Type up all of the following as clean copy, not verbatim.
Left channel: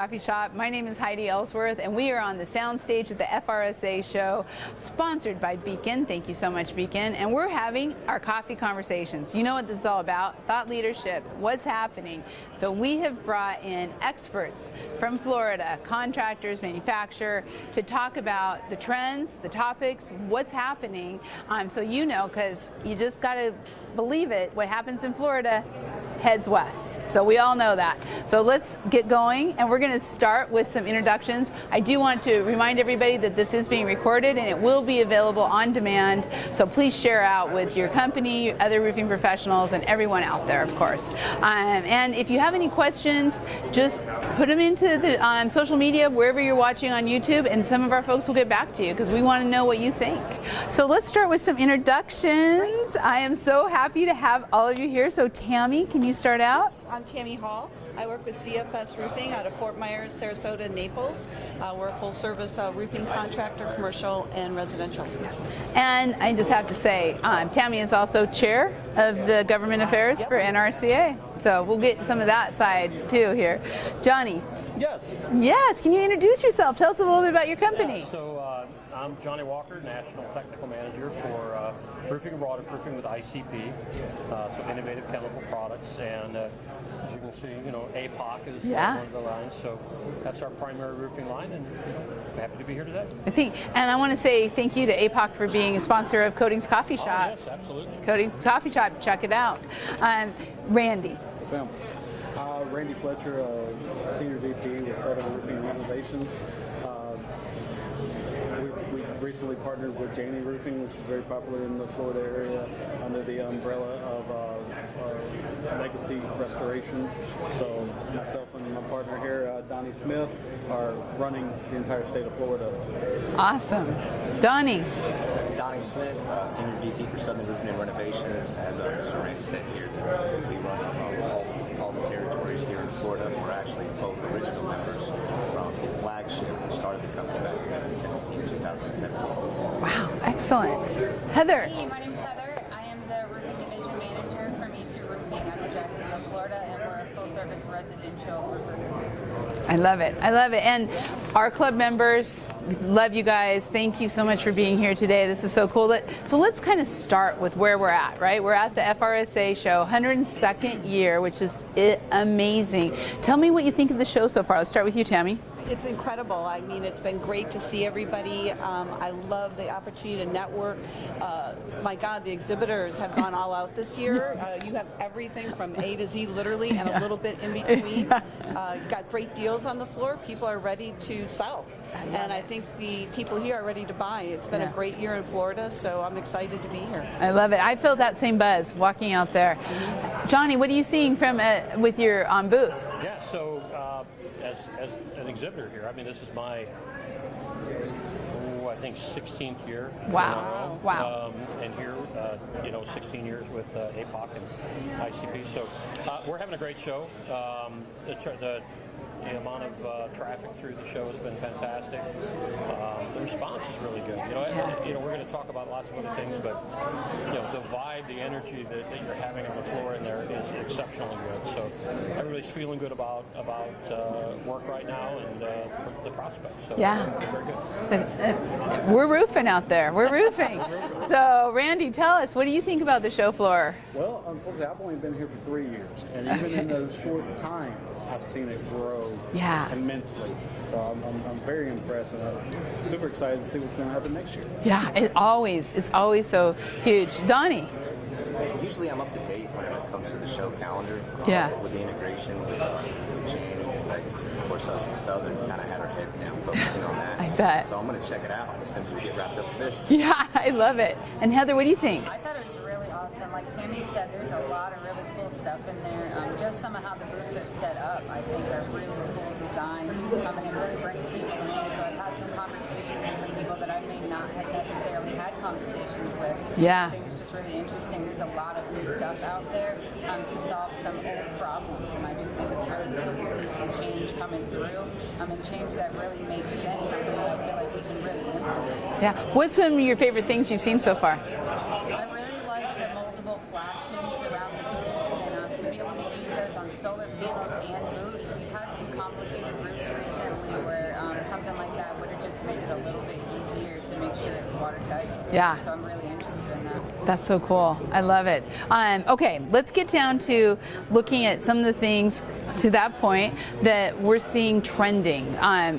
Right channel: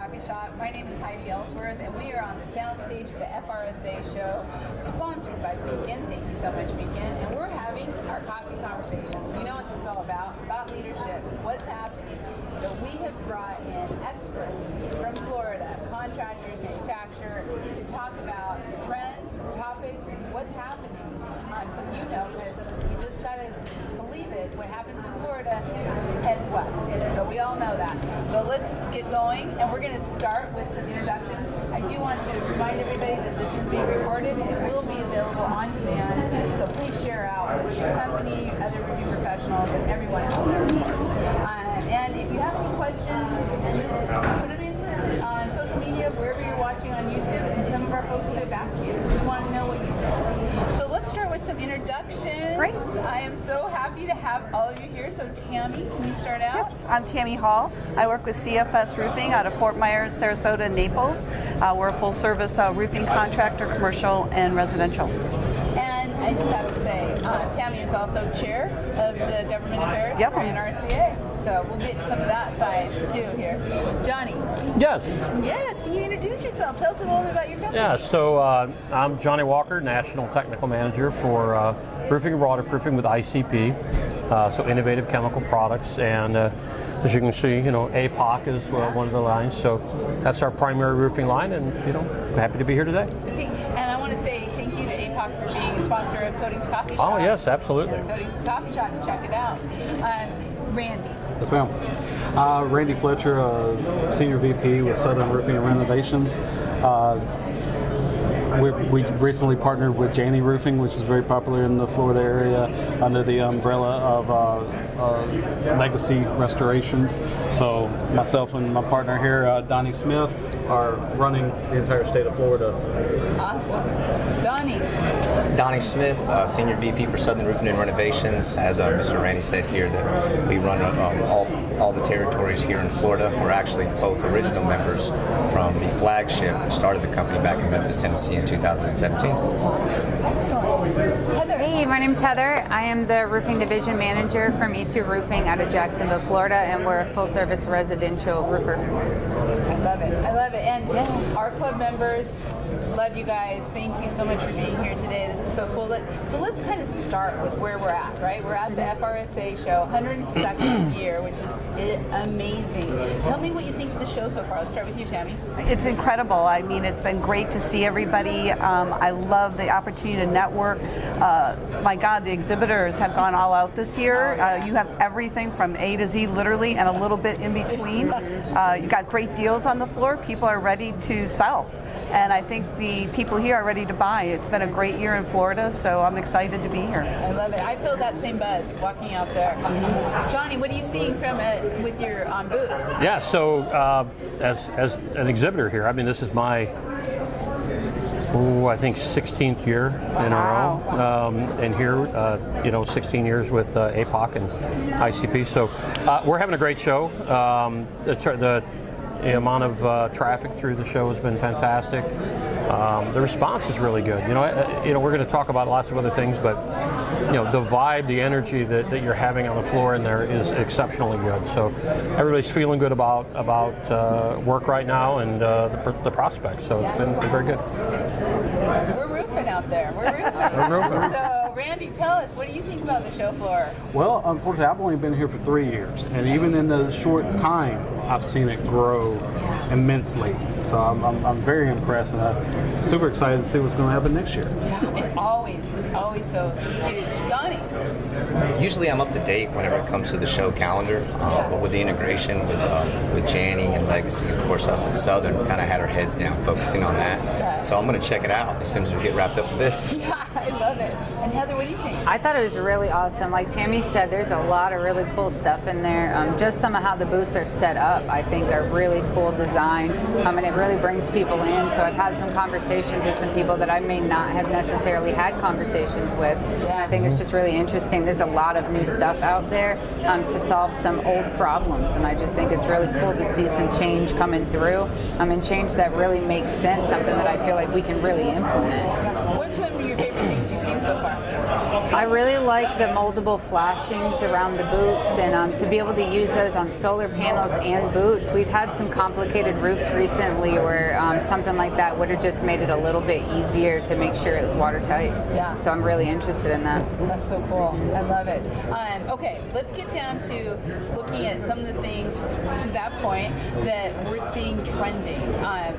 Coffee shop. My name is Heidi Ellsworth, and we are on the soundstage at the FRSA show, sponsored by Beacon. Thank you so much, Beacon. And we're having our coffee conversations. You know what this is all about? Thought leadership. What's happening? So we have brought in experts from Florida, contractors, manufacturers, to talk about the trends, the topics, what's happening. So you know, because you just got to believe it. What happens in Florida heads west. So we all know that. So let's get going, and we're going to start with some introductions. I do want to remind everybody that this is being recorded and it will be available on demand. So please share out with your company, your other roofing professionals, and everyone out there, of course. And if you have any questions, just put them into the social media, wherever you're watching on YouTube, and some of our folks will get back to you because we want to know what you think. So let's start with some introductions. I am so happy to have all of you here. So Tammy, can you start out? Yes, I'm Tammy Hall. I work with CFS Roofing out of Fort Myers, Sarasota, and Naples. We're a full-service roofing contractor, commercial and residential. And I just have to say, Tammy is also chair of the government affairs for NRCA. So we'll get some of that side too here. Johnny. Yes. Yes, can you introduce yourself? Tell us a little bit about your company. Yeah, so I'm Johnny Walker, National Technical Manager for roofing and waterproofing with ICP, so innovative chemical products. And as you can see, you know, APOC is one of the lines. So that's our primary roofing line, and you know, happy to be here today. And I want to say thank you to APOC for being a sponsor of Coatings Coffee Shop. Oh yes, absolutely. Coatings Coffee Shop, check it out. Randy. Yes, ma'am. Randy Fletcher, Senior VP with Southern Roofing and Renovations. We recently partnered with Janney Roofing, which is very popular in the Florida area, under the umbrella of Legacy Restorations. So myself and my partner here, Donnie Smith, are running the entire state of Florida. Awesome. Donnie. Donnie Smith, Senior VP for Southern Roofing and Renovations. As Mr. Randy said here, that we run all the territories here in Florida. We're actually both original members from the flagship and started the company back in Memphis, Tennessee in 2017. Wow, excellent. Heather. Hey, my name's Heather. I am the Roofing Division Manager from E2 Roofing out of Jacksonville, Florida, and we're a full-service residential roofer. I love it. I love it. And our club members, love you guys. Thank you so much for being here today. This is so cool. So let's kind of start with where we're at, right? We're at the FRSA show, 102nd year, which is amazing. Tell me what you think of the show so far. Let's start with you, Tammy. It's incredible. I mean, it's been great to see everybody. I love the opportunity to network. My God, the exhibitors have gone all out this year. You have everything from A to Z, literally, and a little bit in between. You got great deals on the floor. People are ready to sell. And I think the people here are ready to buy. It's been a great year in Florida, so I'm excited to be here. I love it. I feel that same buzz walking out there. Johnny, what are you seeing from with your booth? Yeah, so as an exhibitor here, I mean, this is my, I think 16th year in a row. Wow. And here, you know, 16 years with APOC and ICP. So we're having a great show. The amount of traffic through the show has been fantastic. The response is really good. You know, we're going to talk about lots of other things, but you know, the vibe, the energy that you're having on the floor in there is exceptionally good. So everybody's feeling good about work right now and the prospects. So it's been very good. We're roofing out there. We're roofing. We're roofing. So Randy, tell us, what do you think about the show floor? Well, unfortunately, I've only been here for 3 years, and even in the short time, I've seen it grow immensely. So I'm very impressed, and I'm super excited to see what's going to happen next year. Yeah, it's always so huge. Donnie. Usually I'm up to date whenever it comes to the show calendar, but with the integration with Janney and Legacy, of course, us in Southern kind of had our heads down focusing on that. So I'm going to check it out as soon as we get wrapped up with this. Yeah, I love it. And Heather, what do you think? I thought it was really awesome. Like Tammy said, there's a lot of really cool stuff in there. Just some of how the booths are set up, I think, are really cool design, and it really brings people in. So I've had some conversations with some people that I may not have necessarily had conversations with. Yeah. I think it's just really interesting. There's a lot of new stuff out there to solve some old problems, and I just think it's really cool to see some change coming through, and change that really makes sense, something that I feel like we can really implement. Yeah. What's some of your favorite favorite things you've seen so far? I really like the moldable flashings around the boots, and to be able to use those on solar panels and boots. We've had some complicated roofs recently where something like that would have just made it a little bit easier to make sure it was watertight. Yeah. So I'm really interested in that. That's so cool. I love it. Okay, let's get down to looking at some of the things to that point that we're seeing trending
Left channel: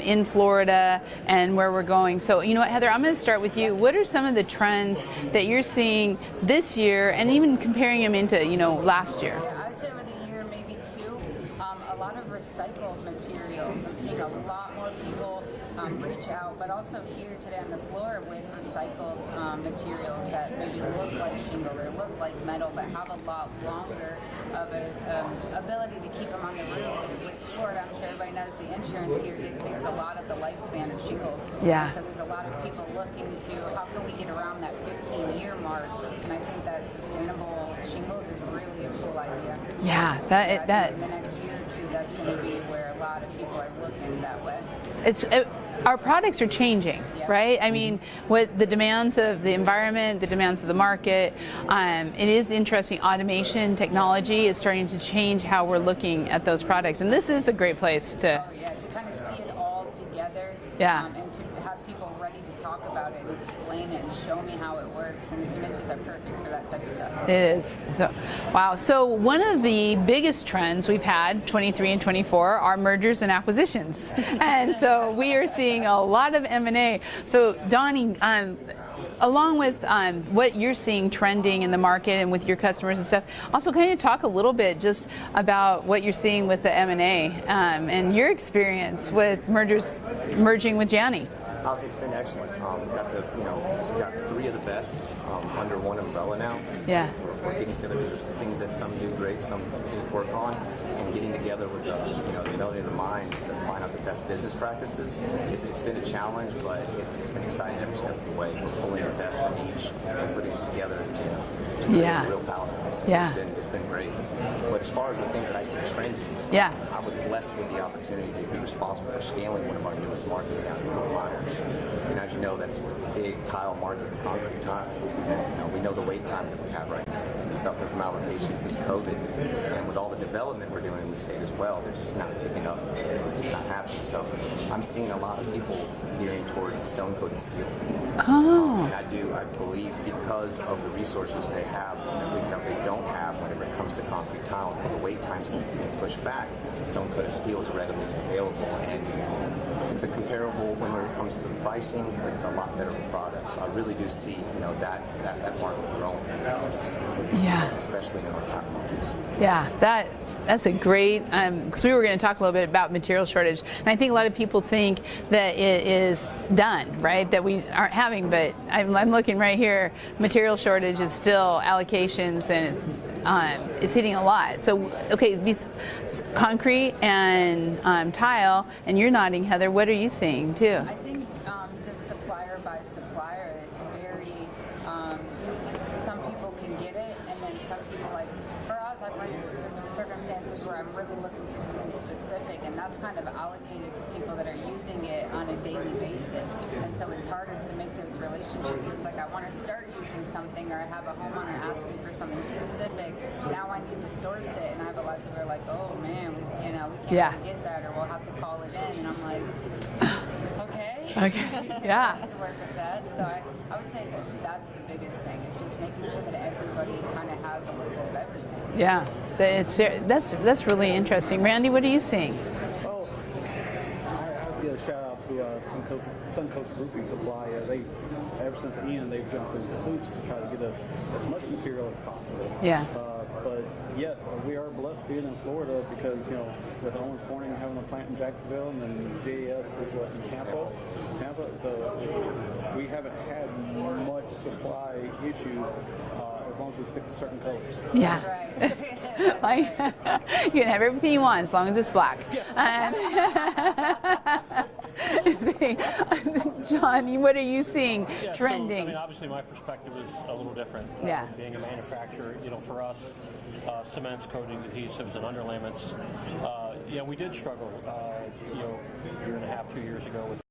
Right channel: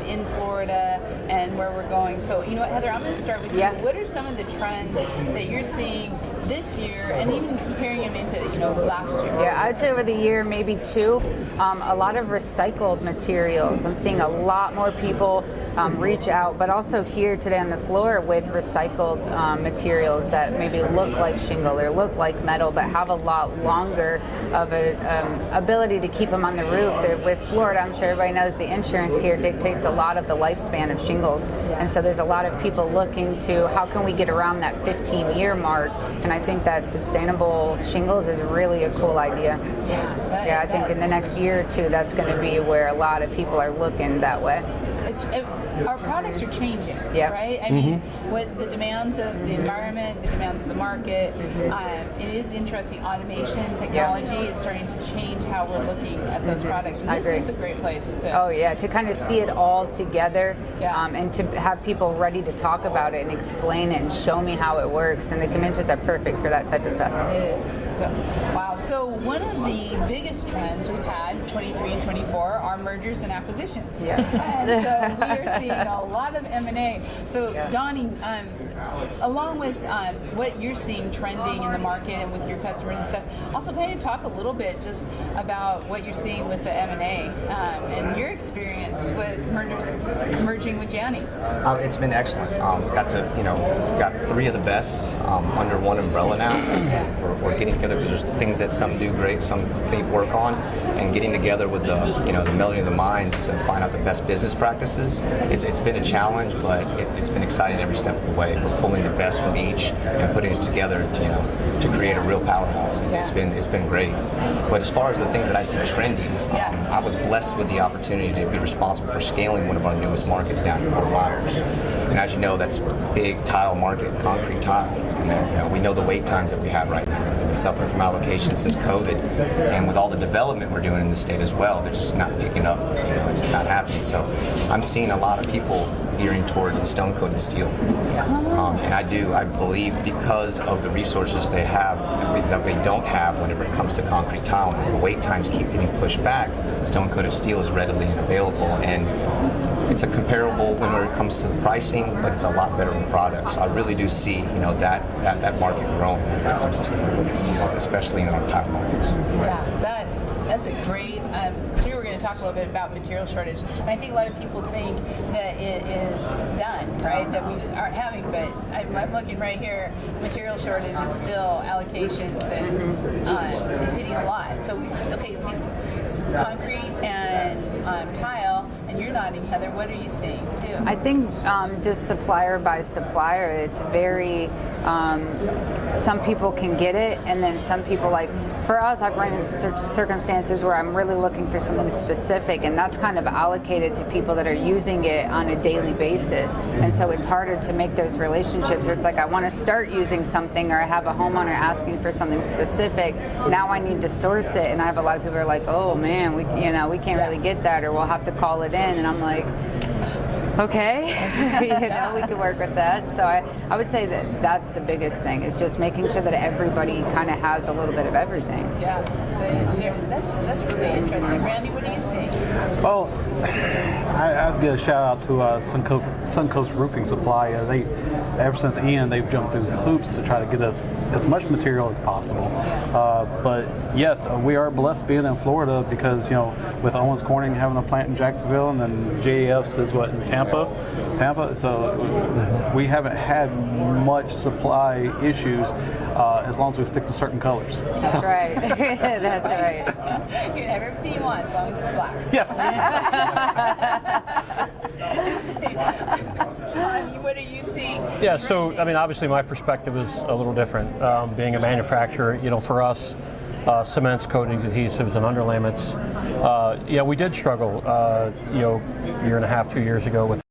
in Florida and where we're going. So, you know what, Heather, I'm going to start with you. Yeah. What are some of the trends that you're seeing this year, and even comparing them into, last year? Yeah, I'd say over the year, maybe two. A lot of recycled materials. I'm seeing a lot more people reach out, but also here today on the floor with recycled materials that maybe look like shingle or look like metal, but have a lot longer of an ability to keep them on the roof. With Florida, I'm sure everybody knows the insurance here dictates a lot of the lifespan of shingles. Yeah. And so there's a lot of people looking to how can we get around that 15-year mark, and I think that sustainable shingles is really a cool idea. Yeah, I think in the next year or two, that's going to be where a lot of people are looking that way. Our products are changing, Yeah. right? I mean, with the demands of the environment, the demands of the market, it is interesting. Automation technology is starting to change how we're looking at those products, and this is a great place to. Oh yeah, to kind of see it all together, Yeah. and to have people ready to talk about it and explain it and show me how it works. And the conventions are perfect for that type of stuff. It is. So, wow. So one of the biggest trends we've had, 23 and 24, are mergers and acquisitions. Yeah. And so we are seeing a lot of M&A. So Donnie, along with what you're seeing trending in the market and with your customers and stuff, also kind of talk a little bit just about what you're seeing with the M&A and your experience with merging with Gianni. It's been excellent. Got three of the best under one umbrella now. Yeah. We're getting together because there's things that some do great, some they work on, and getting together with the melding of the minds to find out the best business practices. It's been a challenge, but it's been exciting every step of the way. We're pulling the best from each and putting it together to create a real powerhouse. Yeah. It's been great. But as far as the things that I see trending, I was blessed with the opportunity to be responsible for scaling one of our newest markets down in Fort Myers. And as you know, that's a big tile market, concrete tile. And then we know the wait times that we have right now. We've been suffering from allocation since COVID, and with all the development we're doing in the state as well, they're just not picking up. It's just not happening. So I'm seeing a lot of people gearing towards the stone coated steel. And I believe because of the resources they have that they don't have whenever it comes to concrete tile, and the wait times keep getting pushed back, stone coated steel is readily available, and it's a comparable when it comes to the pricing, but it's a lot better of a product. So I really do see that market growing when it comes to stone coated steel, especially in our tile markets. Yeah, that's a great, because we were going to talk a little bit about material shortage, and I think a lot of people think that it is done, right, that we aren't having, but I'm looking right here, material shortage is still allocations, and it's hitting a lot. So, okay, concrete and tile, and you're nodding, Heather, what are you seeing too? I think just supplier by supplier, it's very, some people can get it, and then some people, like, for us, I've run into circumstances where I'm really looking for something specific, and that's kind of allocated to people that are using it on a daily basis. And so it's harder to make those relationships where it's like, I want to start using something, or I have a homeowner asking for something specific. Now I need to source it, and I have a lot of people who are like, oh man, we can't really get that, or we'll have to call it in. And I'm like, okay, we can work with that. So I would say that that's the biggest thing, is just making sure that everybody kind of has a little bit of everything. Yeah, that's really interesting. Randy, what are you seeing? Oh, I'd give a shout out to Suncoast Roofing Supply. Ever since Ian, they've jumped through hoops to try to get us as much material as possible. Yeah. But yes, we are blessed being in Florida because, with Owens Corning having a plant in Jacksonville, and then JAF's is in Tampa. So we haven't had much supply issues as long as we stick to certain colors. Yeah. That's right. That's right. You can have everything you want as long as it's black. Yes. John, what are you seeing? Yeah, trending? so obviously my perspective is a little different. Being a manufacturer, for us, cements, coatings, adhesives, and underlayments, we did struggle, year and a half, 2 years ago with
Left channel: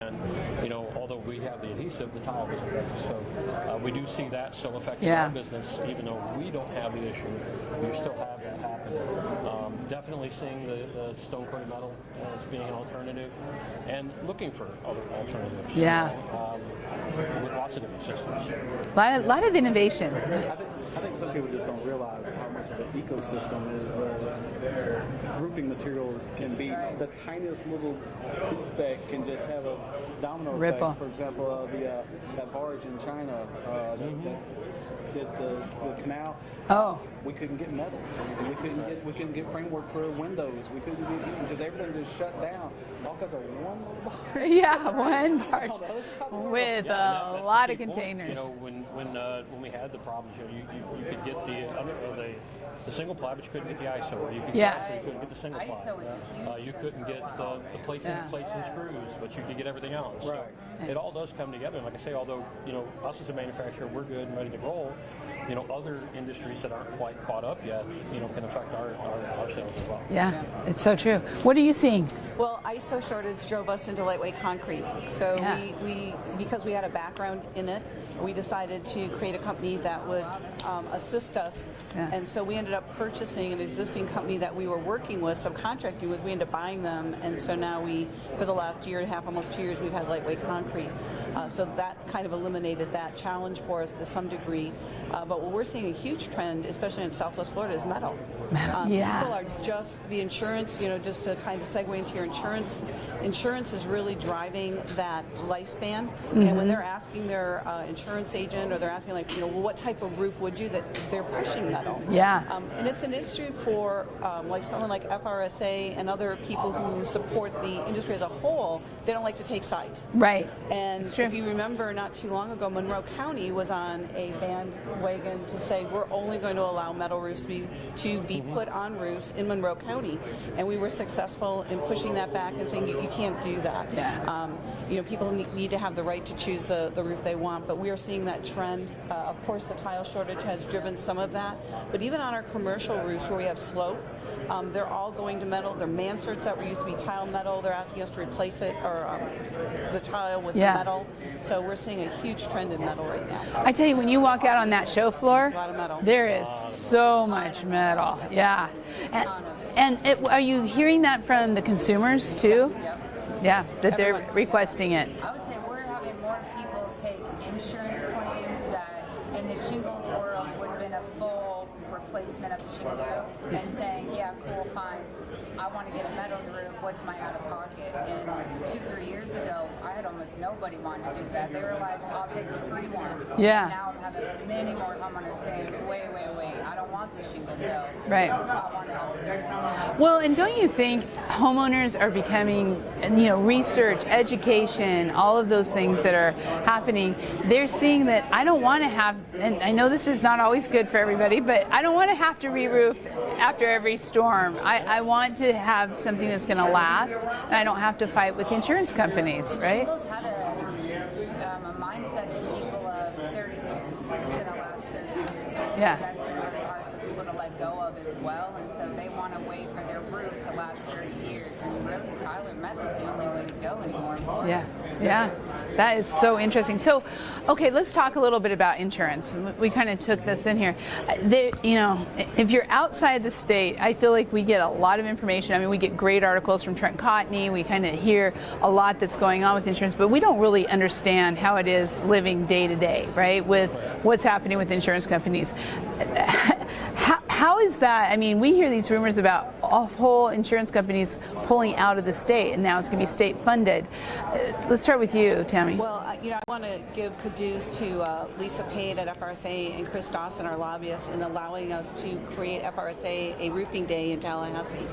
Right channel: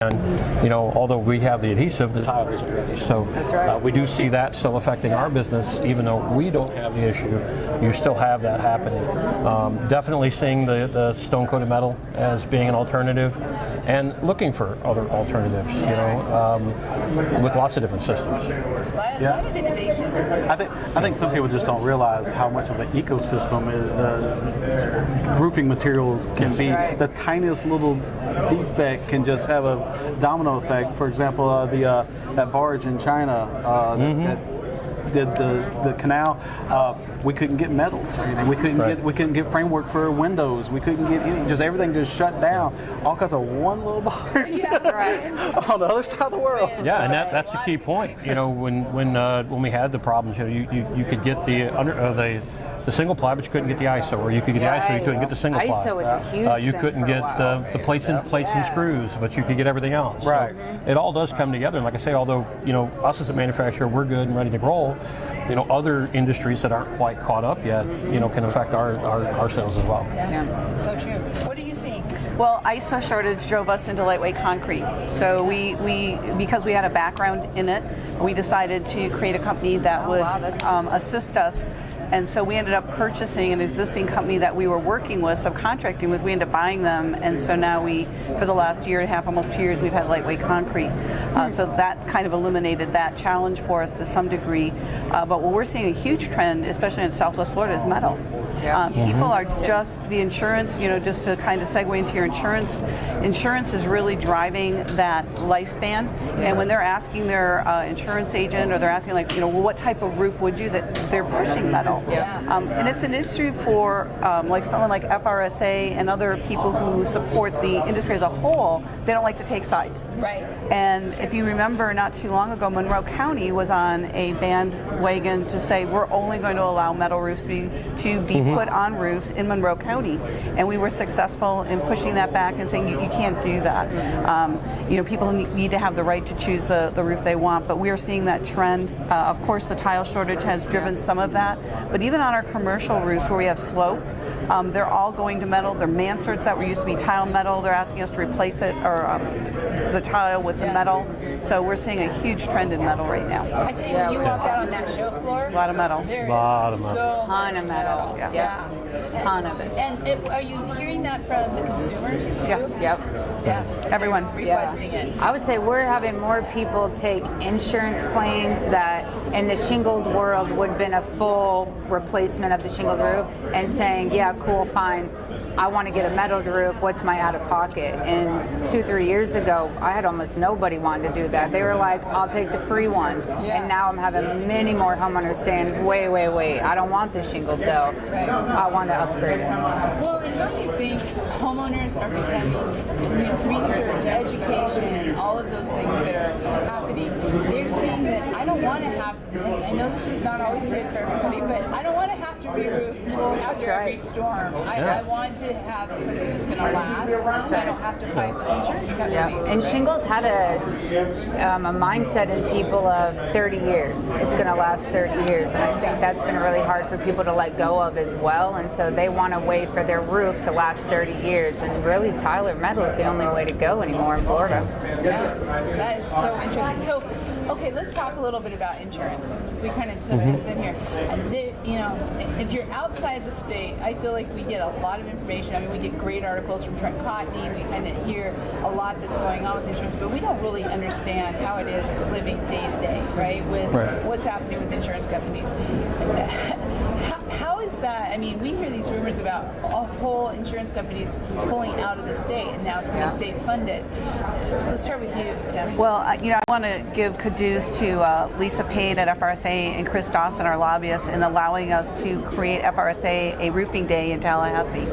And, although we have the adhesive, the tile isn't ready. So we do see that still affecting our business, even though we don't have the issue. You still have that happening. Definitely seeing the stone-coated metal as being an alternative, and looking for other alternatives. With lots of different systems. A lot of innovation. I think some people just don't realize how much of an ecosystem roofing materials can be. right. The tiniest little defect can just have a domino effect. For example, that barge in China that did the canal. We couldn't get metals or anything. We couldn't get framework for windows. We couldn't get any. Just everything just shut down, all because of one little barge. On the other side of the world. Yeah, and that's the key point. When we had the problems, you could get the single ply, but you couldn't get the ISO, or you could get the ISO, you couldn't get the single ply. ISO is a huge You thing couldn't for a get while. the plates and screws, but you could get everything else. Right. So it all does come together. And like I say, although us as a manufacturer, we're good and ready to roll, other industries that aren't quite caught up yet, can affect our sales as well. Yeah, it's so true. What are you seeing? Well, ISO shortage drove us into lightweight concrete. So we because we had a background in it, we decided to create a company that would assist us. And so we ended up purchasing an existing company that we were working with, subcontracting with. We ended up buying them, and so now for the last year and a half, almost 2 years, we've had lightweight concrete. So that kind of eliminated that challenge for us to some degree. But what we're seeing a huge trend, especially in Southwest Florida, is metal. People are just the insurance. Just to kind of segue into your insurance. Insurance is really driving that lifespan. And when they're asking their insurance agent, or they're asking well, what type of roof would you? That they're pushing metal. And it's an issue for someone like FRSA and other people who support the industry as a whole. They don't like to take sides. Right. And if you remember, not too long ago, Monroe County was on a bandwagon to say we're only going to allow metal roofs to be put on roofs in Monroe County, and we were successful in pushing that back and saying you can't do that. People need to have the right to choose the roof they want, but we are seeing that trend. Of course, the tile shortage has driven some of that, but even on our commercial roofs where we have slope, they're all going to metal. They're mansards that were used to be tile metal. They're asking us to replace it, or the tile with the metal. So we're seeing a huge trend in metal right now. I tell you, when you walk out on that show floor, A lot of metal. there is so much metal. Yeah. Ton of it. And are you hearing that from the consumers too? Yep. Yeah, that Everyone. they're requesting it. I would say we're having more people take insurance claims that in the shingled world would have been a full replacement of the shingled roof, and saying, yeah, cool, fine, I want to get a metal roof, what's my out of pocket? And 2-3 years ago, I had almost nobody wanting to do that. They were like, I'll take the free one. Yeah. And now I'm having many more homeowners saying, wait, I don't want the shingled though. Right. I want to upgrade it. Well, and don't you think homeowners are becoming, research, education, all of those things that are happening, they're seeing that I don't want to have, and I know this is not always good for everybody, but I don't want to have to re-roof after every storm. I want to have something that's going to last, and I don't have to fight with insurance companies. And right? shingles had a mindset in people of 30 years. It's going to last 30 years, and I think that's been really hard for people to let go of as well. And so they want to wait for their roof to last 30 years. And really, tile or metal is the only way to go anymore in Florida. Yeah, that is so interesting. So, okay, let's talk a little bit about insurance. We kind of took this in here. If you're outside the state, I feel like we get a lot of information. I mean, we get great articles from Trent Cotney. We kind of hear a lot that's going on with insurance, but we don't really understand how it is living day to day, right? With what's happening with insurance companies. How is that? I mean, we hear these rumors about whole insurance companies pulling out of the state, and now it's going to be state funded. Let's start with you, Tammy. Well, I want to give kudos to Lisa Payne at FRSA and Chris Dawson, our lobbyists, in allowing us to create FRSA a roofing day in Tallahassee.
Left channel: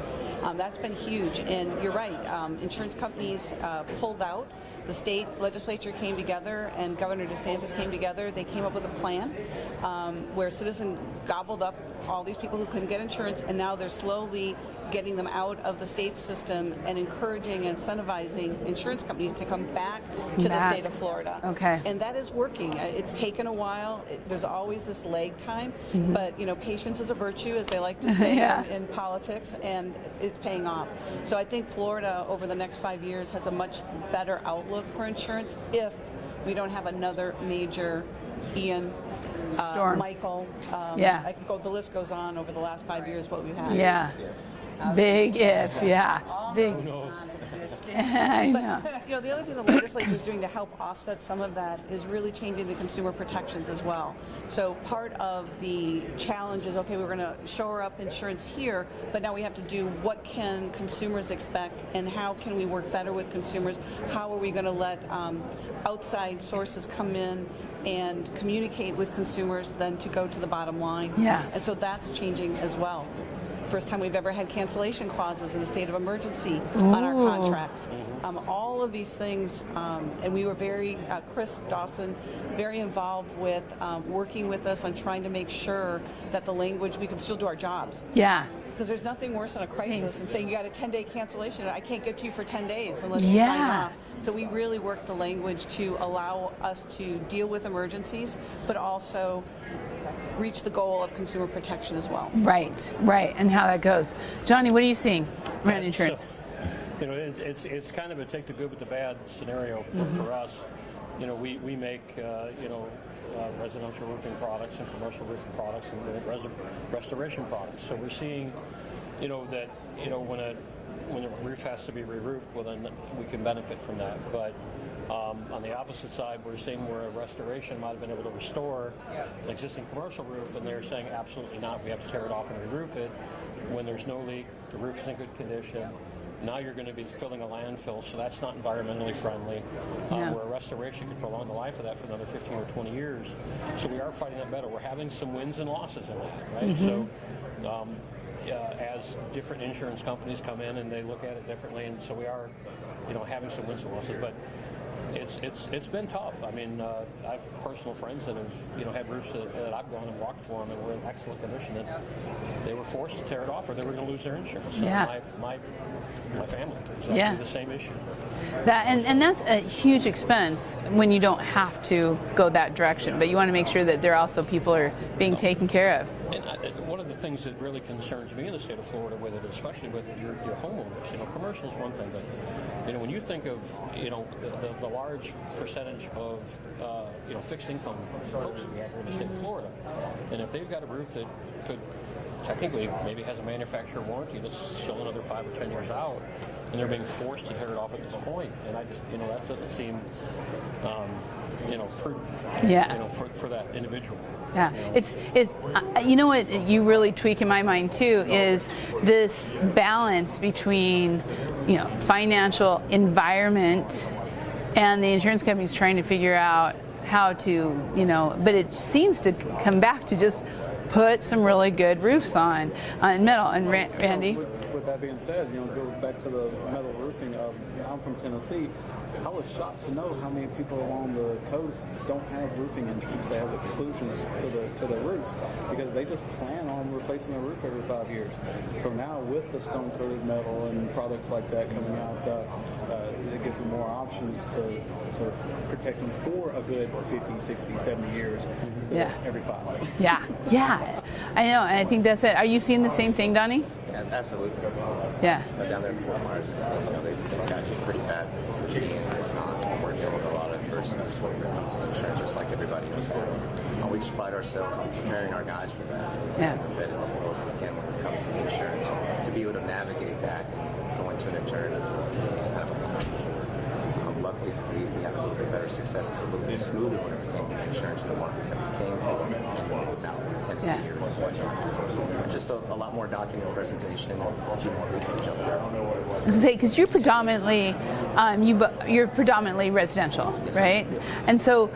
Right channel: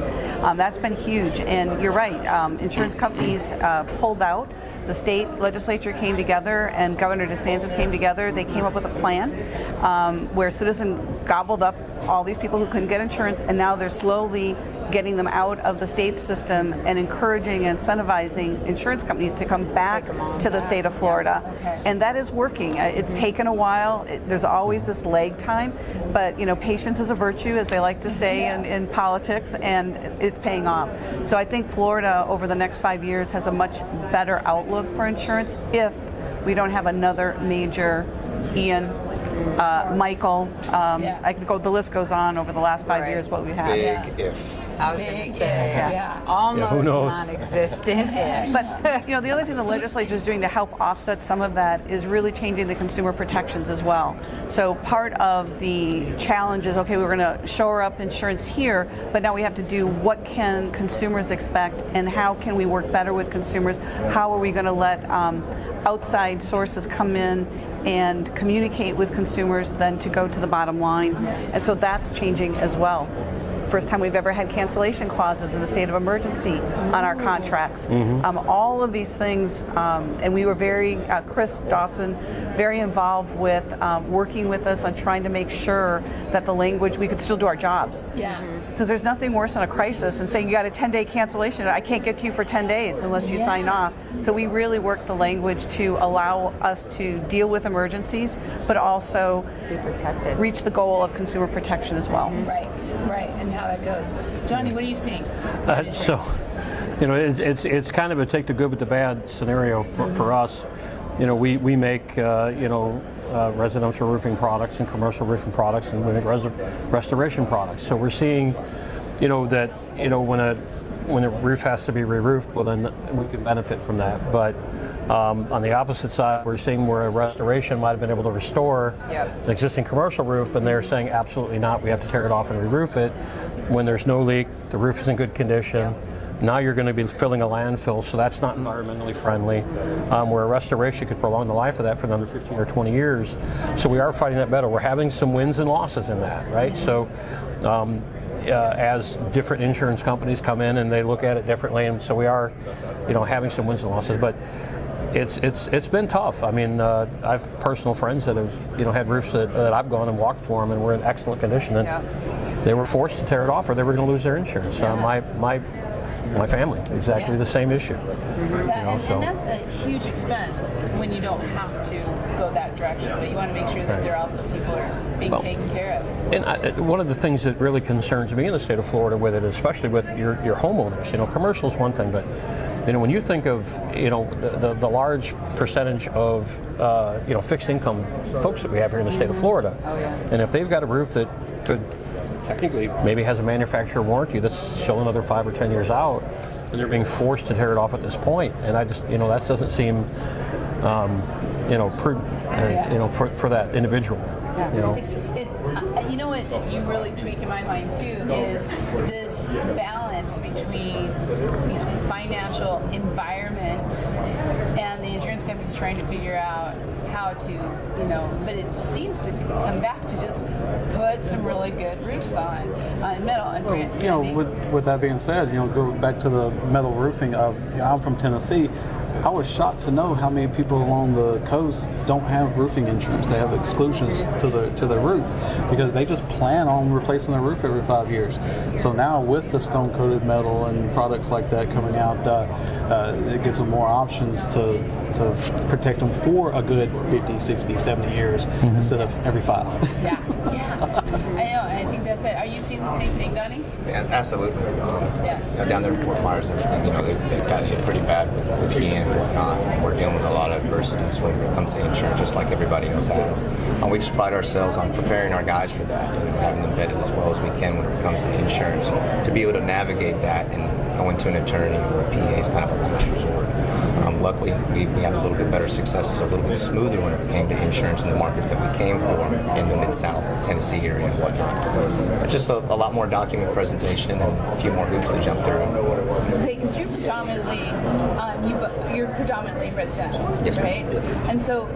That's been huge, and you're right. Insurance companies pulled out. The state legislature came together, and Governor DeSantis came together. They came up with a plan where Citizen gobbled up all these people who couldn't get insurance, and now they're slowly getting them out of the state system and encouraging and incentivizing insurance companies to come back to the state of Florida. Okay. And that is working. It's taken a while. There's always this lag time, but patience is a virtue, as they like to say in politics, and it's paying off. So I think Florida over the next 5 years has a much better outlook for insurance if we don't have another major Ian, Michael. I could go. The list goes on over the last 5 years. What we've had. Big if. Almost who knows? non-existent. But the other thing the legislature is doing to help offset some of that is really changing the consumer protections as well. So part of the challenge is, okay, we're going to shore up insurance here, but now we have to do what can consumers expect and how can we work better with consumers? How are we going to let outside sources come in and communicate with consumers than to go to the bottom line? And so that's changing as well. First time we've ever had cancellation clauses in a state of emergency on our contracts. All of these things, and we were very, Chris Dawson, very involved with working with us on trying to make sure that the language, we could still do our jobs. Because there's nothing worse than a crisis and saying you got a 10-day cancellation, I can't get to you for 10 days unless you sign off. So we really worked the language to allow us to deal with emergencies, but also Be protected. reach the goal of consumer protection as well. Right, and how that goes. Johnny, what are you seeing about insurance? So, it's kind of a take the good with the bad scenario for us. We make residential roofing products and commercial roofing products, and we make restoration products. So we're seeing, that when a roof has to be re-roofed, well then we can benefit from that. But on the opposite side, we're seeing where a restoration might have been able to restore an existing commercial roof, and they're saying absolutely not. We have to tear it off and re-roof it. When there's no leak, the roof is in good condition. Now you're going to be filling a landfill, so that's not environmentally friendly. Where a restoration could prolong the life of that for another 15 or 20 years. So we are fighting that battle. We're having some wins and losses in that, right? So as different insurance companies come in and they look at it differently, and so we are, having some wins and losses. But it's been tough. I mean, I've personal friends that have had roofs that I've gone and walked for them and were in excellent condition, and they were forced to tear it off or they were going to lose their insurance. My family, exactly the same issue. And that's a huge expense when you don't have to go that direction, but you want to make sure that there also people are being taken care of. And one of the things that really concerns me in the state of Florida with it, especially with your homeowners, commercial is one thing, but when you think of the large percentage of fixed income folks that we have here in the state of Florida, and if they've got a roof that could technically maybe has a manufacturer warranty that's still another 5 or 10 years out, and they're being forced to tear it off at this point. And I just, that doesn't seem, prudent, for that individual. It's what you really tweak in my mind too is this balance between financial environment and the insurance companies trying to figure out how to but it seems to come back to just put some really good roofs on metal. And Randy, with that being said, go back to the metal roofing. I'm from Tennessee. I was shocked to know how many people along the coast don't have roofing insurance. They have exclusions to their roof because they just plan on replacing their roof every 5 years. So now with the stone-coated metal and products like that coming out, it gives them more options to protect them for a good 50, 60, 70 years instead of every 5. Yeah. I know, and I think that's it. Are you seeing the same thing, Donnie? Yeah, absolutely. Down there in Fort Myers and everything, they've got hit pretty bad with Ian and whatnot. We're dealing with a lot of adversities when it comes to insurance, just like everybody else has. We just pride ourselves on preparing our guys for that, having them vetted as well as we can when it comes to insurance, to be able to navigate that and going to an attorney or a PA is kind of a last resort. Luckily, we had a little bit better success. It's a little bit smoother when it came to insurance in the markets that we came for in the Mid-South, the Tennessee area and whatnot. But just a lot more document presentation and a few more hoops to jump through. Because you're predominantly residential, right? Yes. And so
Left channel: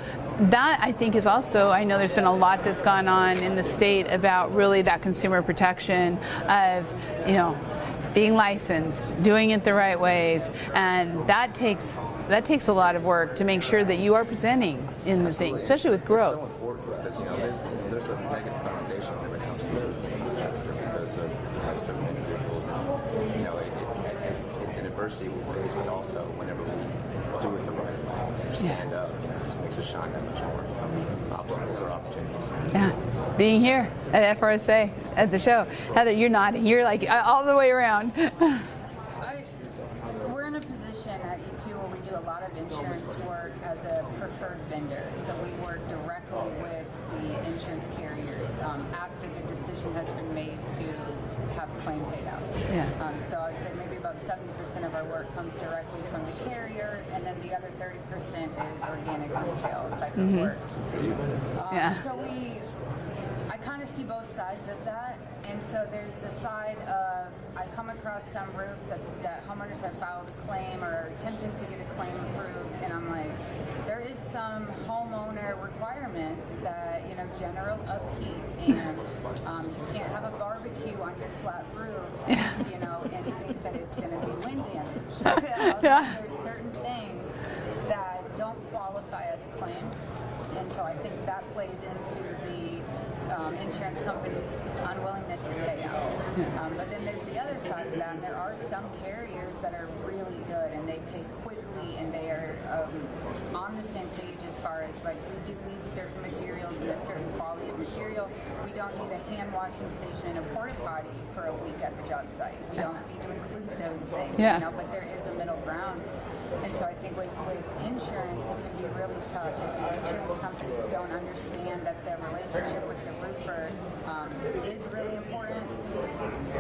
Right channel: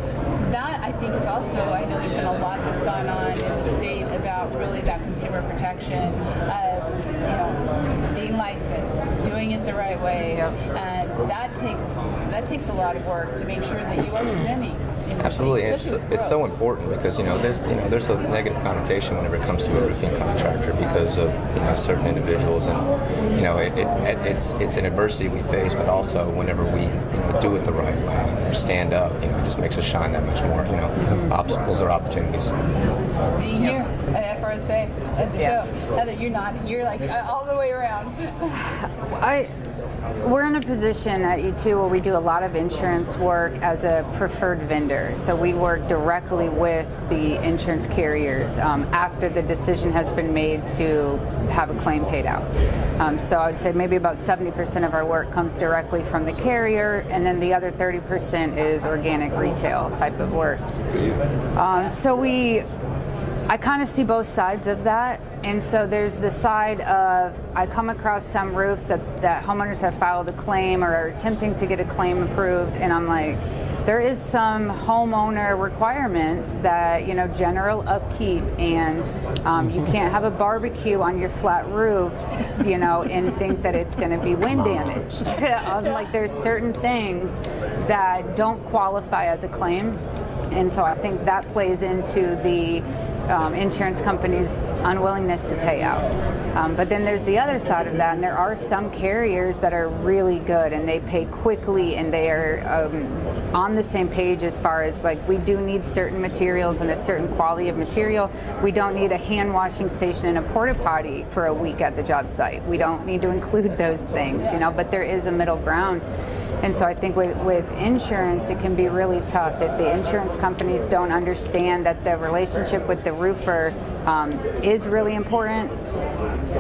that I think is also, I know there's been a lot that's gone on in the state about really that consumer protection of being licensed, doing it the right ways, and that takes a lot of work to make sure that you are presenting Absolutely, thing, and especially with growth. it's so important because there's a negative connotation whenever it comes to a roofing contractor because of certain individuals, and it's an adversity we face, but also whenever we do it the right way or stand up, it just makes us shine that much more. Obstacles are opportunities. Yeah. Being here at FRSA at the show, Heather, you're nodding. You're like all the way around. We're in a position at E2 where we do a lot of insurance work as a preferred vendor. So we work directly with the insurance carriers after the decision has been made to have a claim paid out. So I would say maybe about 70% of our work comes directly from the carrier, and then the other 30% is organic retail type of work. So I kind of see both sides of that. And so there's the side of, I come across some roofs that homeowners have filed a claim or are attempting to get a claim approved, and I'm like, there is some homeowner requirements that, general upkeep, and you can't have a barbecue on your flat roof, and think that it's going to be wind damaged. Like, there's certain things that don't qualify as a claim. And so I think that plays into the insurance companies' unwillingness to pay out. But then there's the other side of that, and there are some carriers that are really good and they pay quickly, and they are on the same page as far as, like, we do need certain materials and a certain quality of material. We don't need a hand washing station and a porta potty for a week at the job site. We don't need to include those things, but there is a middle ground. And so I think with insurance, it can be really tough if the insurance companies don't understand that the relationship with the roofer is really important,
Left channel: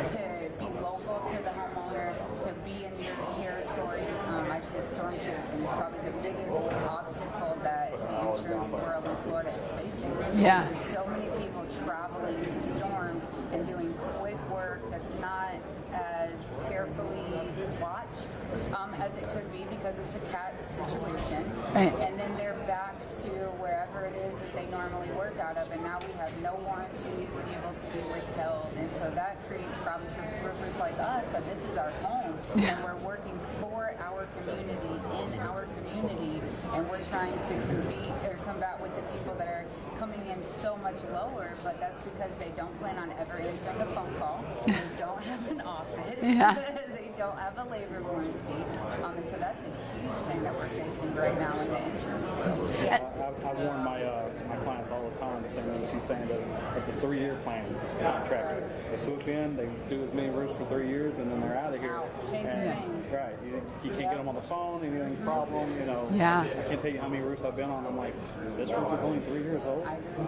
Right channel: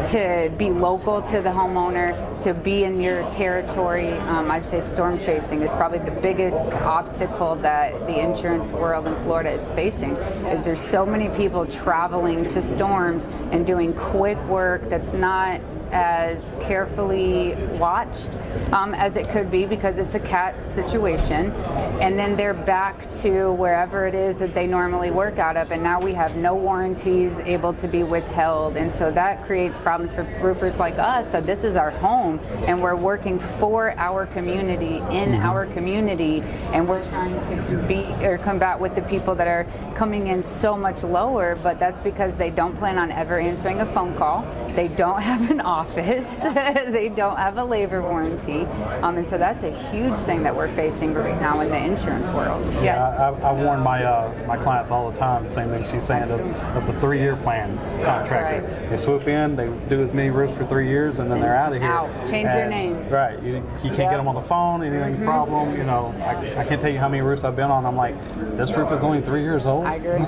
to be local to the homeowner, to be in your territory. I'd say storm chasing is probably the biggest obstacle that the insurance world in Florida is facing. Is there's so many people traveling to storms and doing quick work that's not as carefully watched as it could be, because it's a cat situation, and then they're back to wherever it is that they normally work out of, and now we have no warranties able to be withheld, and so that creates problems for roofers like us. So this is our home, and we're working for our community, in our community, and we're trying to combat with the people that are coming in so much lower, but that's because they don't plan on ever answering a phone call, they don't have an office, they don't have a labor warranty, and so that's a huge thing that we're facing right now in the insurance world. I warn my clients all the time, same thing she's saying, of the 3-year plan contractor. Right. They swoop in, they do as many roofs for 3 years, and then they're out of here. Change their name. Right. You can't get them on the phone, anything problem, I can't tell you how many roofs I've been on. I'm like, this roof is only 3 years old. I agree.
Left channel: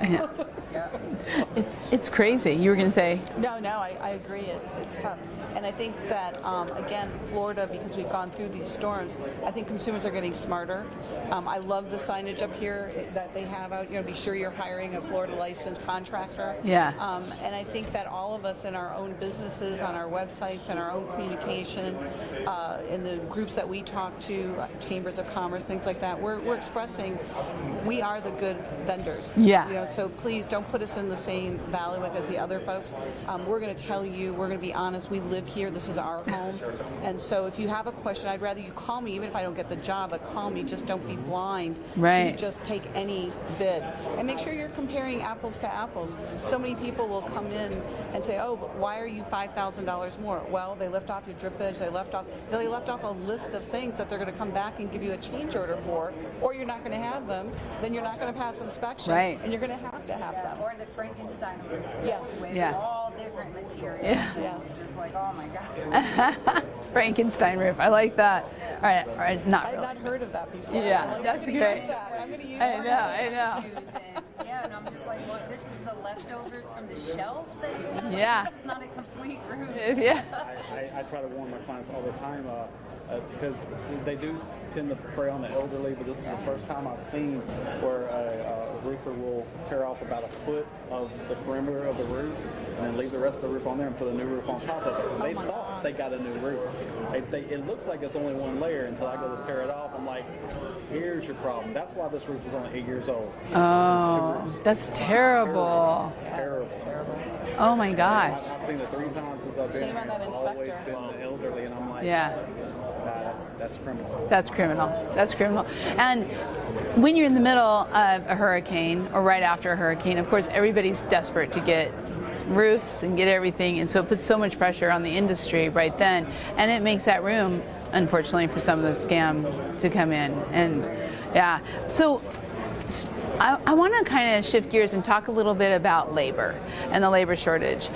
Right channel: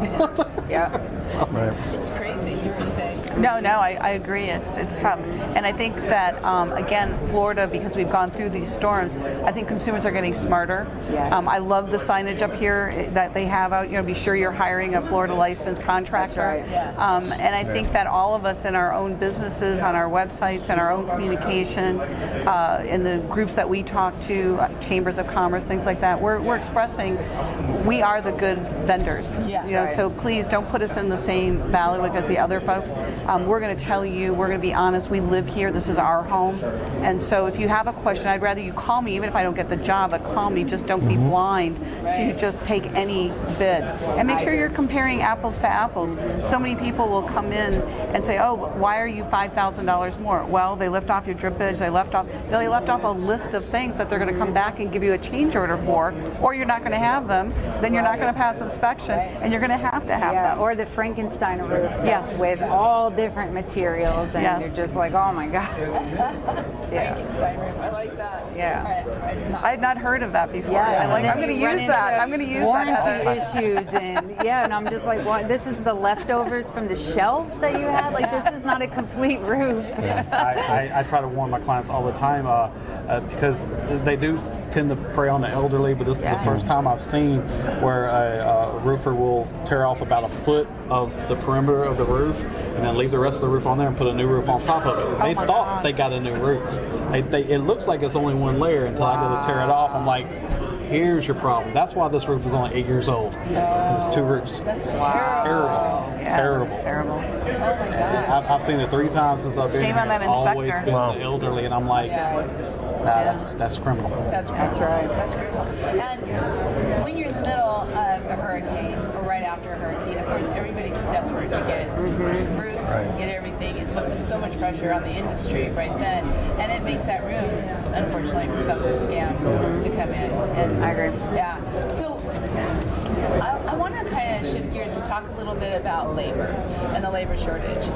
It's crazy. You were going to say? No, I agree. It's tough. And I think that, again, Florida, because we've gone through these storms, I think consumers are getting smarter. Yes. I love the signage up here that they have out, be sure you're hiring a Florida licensed contractor. That's right. Yeah. And I think that all of us in our own businesses, on our websites, and our own communication, in the groups that we talk to, chambers of commerce, things like that, we're expressing we are the good vendors. So please don't put us in the same bailiwick as the other folks. We're going to tell you, we're going to be honest, we live here, this is our home. And so if you have a question, I'd rather you call me, even if I don't get the job, but call me. Just don't be blind to just take any bid. And make sure you're comparing apples to apples. So many people will come in and say, oh, why are you $5,000 more? Well, they left off your drippage, they left off a list of things that they're going to come back and give you a change order for, or you're not going to have them, then you're not going to pass inspection, and you're going to have them. Or the Frankenstein roof with all different materials, and you're just like, oh my God. Frankenstein roof. I like that. All right. I had not heard of that before. I'm going to use that. I'm going to use warranty issues, and I'm just like, well, this is the leftovers from the shelf that you had? Like, this is not a complete roof. I try to warn my clients all the time because they do tend to prey on the elderly, but this is the first time I've seen where a roofer will tear off about a foot of the perimeter of the roof and then leave the rest of the roof on there and put a new roof on top of it. They thought they got a new roof. It looks like it's only one layer until I go to tear it off. I'm like, here's your problem. That's why this roof is only 8 years old. It's 2 roofs. That's terrible. Terrible. Oh my gosh. I've seen it 3 times since I've been here. Shame on that It's always inspector. been the elderly, and I'm like, That's criminal. That's criminal. That's criminal. And when you're in the middle of a hurricane or right after a hurricane, of course, everybody's desperate to get roofs and get everything, and so it puts so much pressure on the industry right then, and it makes that room, unfortunately, for some of the scam to come in. And I agree. Yeah. So I want to kind of shift gears and talk a little bit about labor and the labor shortage.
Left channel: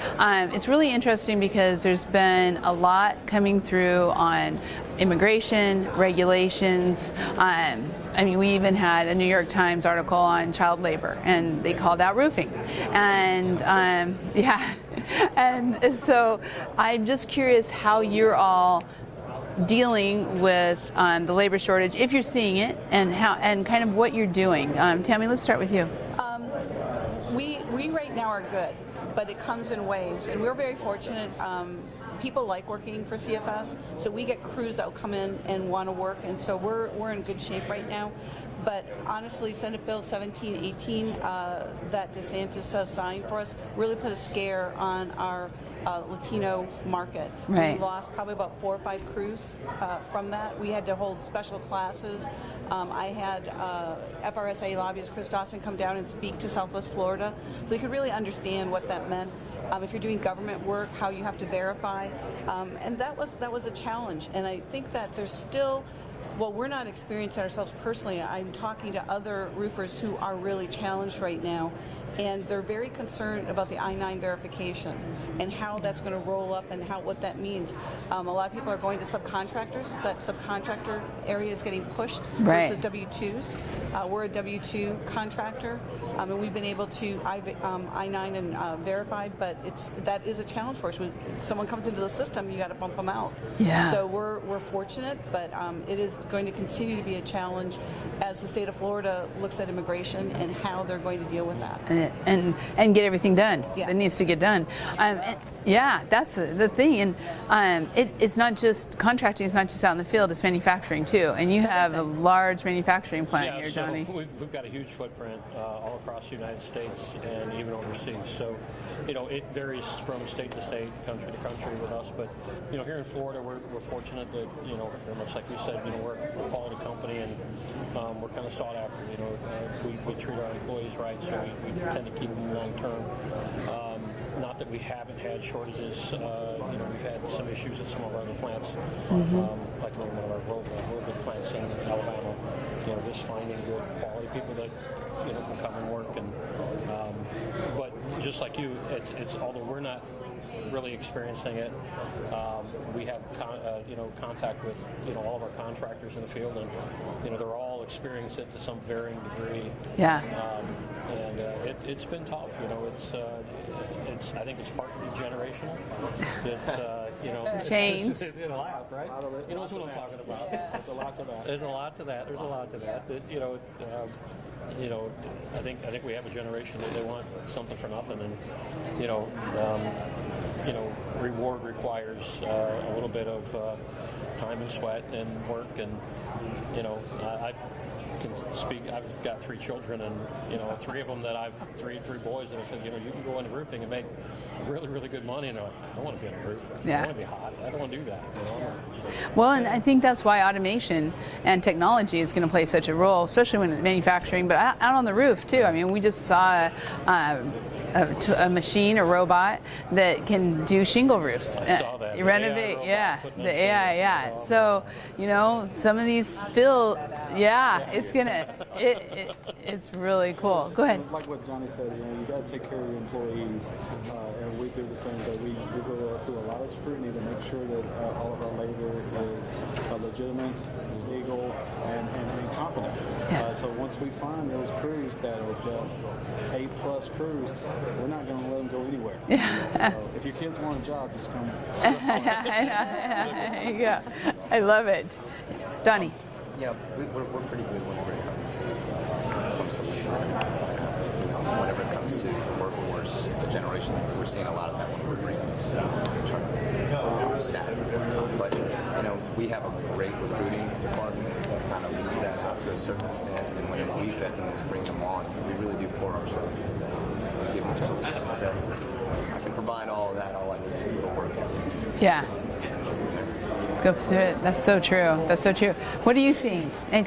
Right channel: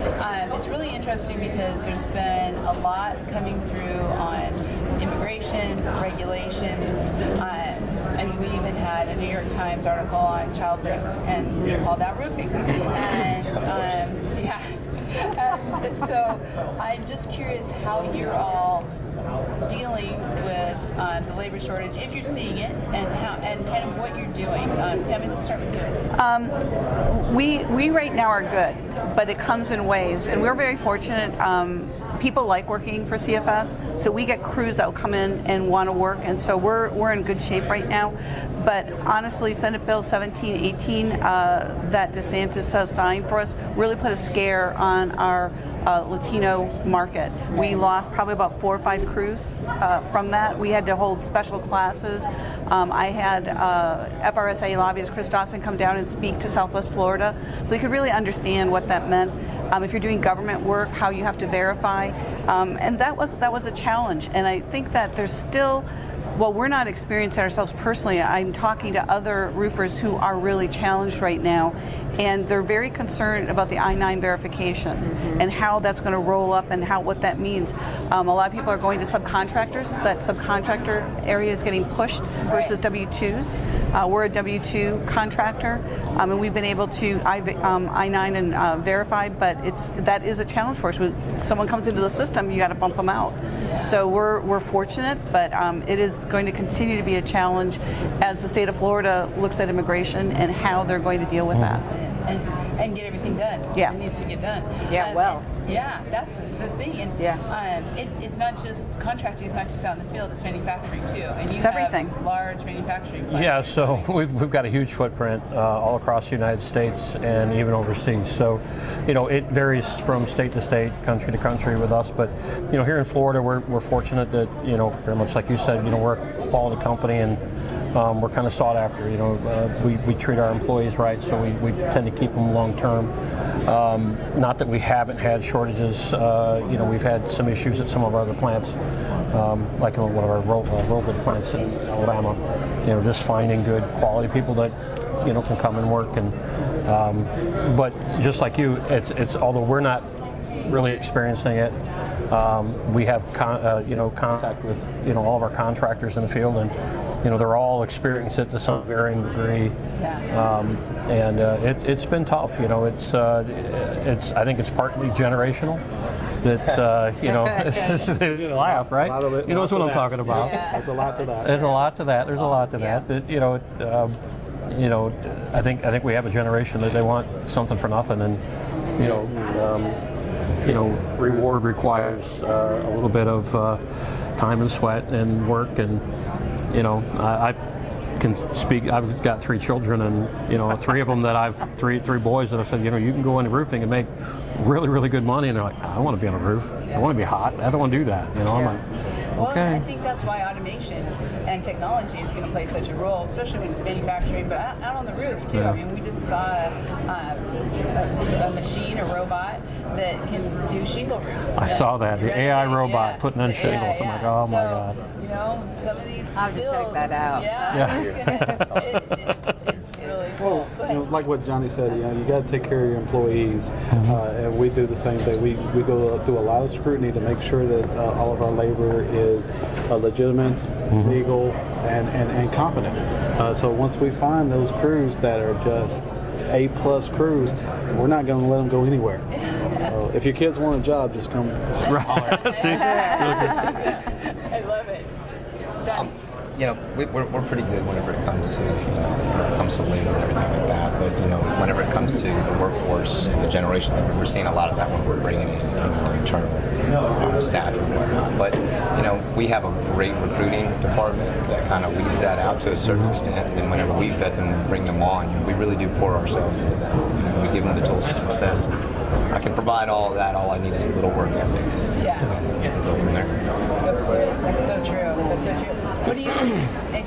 It's really interesting because there's been a lot coming through on immigration, regulations. I mean, we even had a New York Times article on child labor, and they called out roofing. And yeah, and so I'm just curious how you're all dealing with the labor shortage, if you're seeing it, and how, and kind of what you're doing. Tammy, let's start with you. We right now are good, but it comes in waves, and we're very fortunate. People like working for CFS, so we get crews that will come in and want to work, and so we're in good shape right now. But honestly, Senate Bill 1718 that DeSantis signed for us really put a scare on our Latino market. Right. We lost probably about 4 or 5 crews from that. We had to hold special classes. I had FRSA lobbyist Chris Dawson come down and speak to Southwest Florida, so you could really understand what that meant. If you're doing government work, how you have to verify, and that was a challenge. And I think that there's still, well, we're not experiencing ourselves personally. I'm talking to other roofers who are really challenged right now, and they're very concerned about the I-9 verification and how that's going to roll up and what that means. A lot of people are going to subcontractors. That subcontractor area is getting pushed versus W-2s. We're a W-2 contractor, and we've been able to I-9 and verify, but that is a challenge for us. When someone comes into the system, you got to bump them out. Yeah. So we're fortunate, but it is going to continue to be a challenge as the state of Florida looks at immigration and how they're going to deal with that. And get everything done. Yeah. It needs to get done. Yeah, yeah, that's the thing. And it's not just contracting. It's not just out in the field. It's manufacturing too. And you have a large manufacturing plant. Yeah, here, so Tony. we've got a huge footprint all across the United States and even overseas. So, it varies from state to state, country to country with us. But, here in Florida, we're fortunate that, very much like you said, we're a quality company, and we're kind of sought after. We treat our employees right, so we tend to keep them long term. Not that we haven't had shortages. We've had some issues at some of our other plants, like in one of our robot plants in Alabama. Just finding good quality people that can come and work. And but just like you, it's although we're not really experiencing it, we have contact with all of our contractors in the field, and they're all experiencing it to some varying degree. Yeah. And it's been tough. I think it's partly generational. That you laugh, right? You know what I'm talking about. Yeah. There's a lot to that. There's a lot to that. There's a lot to Yeah. that. I think we have a generation that they want something for nothing, and reward requires a little bit of time and sweat and work, and I can speak. I've got 3 children, and 3 of them that I've three boys that I've said, you can go into roofing and make really, really good money, and they're like, I want to be on a roof. Yeah. I want to be hot. I don't want to do that. I'm like, Well, okay. and I think that's why automation and technology is going to play such a role, especially when manufacturing, but out on the roof too. Yeah. I mean, we just saw a machine, a robot that can do shingle roofs. I saw that. You The read it? AI robot putting in the shingles. AI, I'm yeah. like, oh my So, God. some of these I'll have to field, check that out. yeah, it's gonna, it's really cool. Go ahead. Like what Johnny said, you got to take care of your employees, and we do the same thing. We go through a lot of scrutiny to make sure that all of our labor is legitimate, legal, and competent. So once we find those crews that are just A-plus crews, we're not going to let them go anywhere. So if your kids want a job, just come. I love it. Donnie. We're pretty good whenever it comes to labor and everything like that. But whenever it comes to the workforce and the generation, we're seeing a lot of that when we're bringing in our internal staff and whatnot. But we have a great recruiting department that kind of leads that out to a certain extent. And then whenever we vet them and bring them on, we really do pour ourselves into them. We give them the tools of success. I can provide all of that. All I need is a little work ethic. Yeah. And go from there. Go through it. That's so true. That's so true. What do you see? And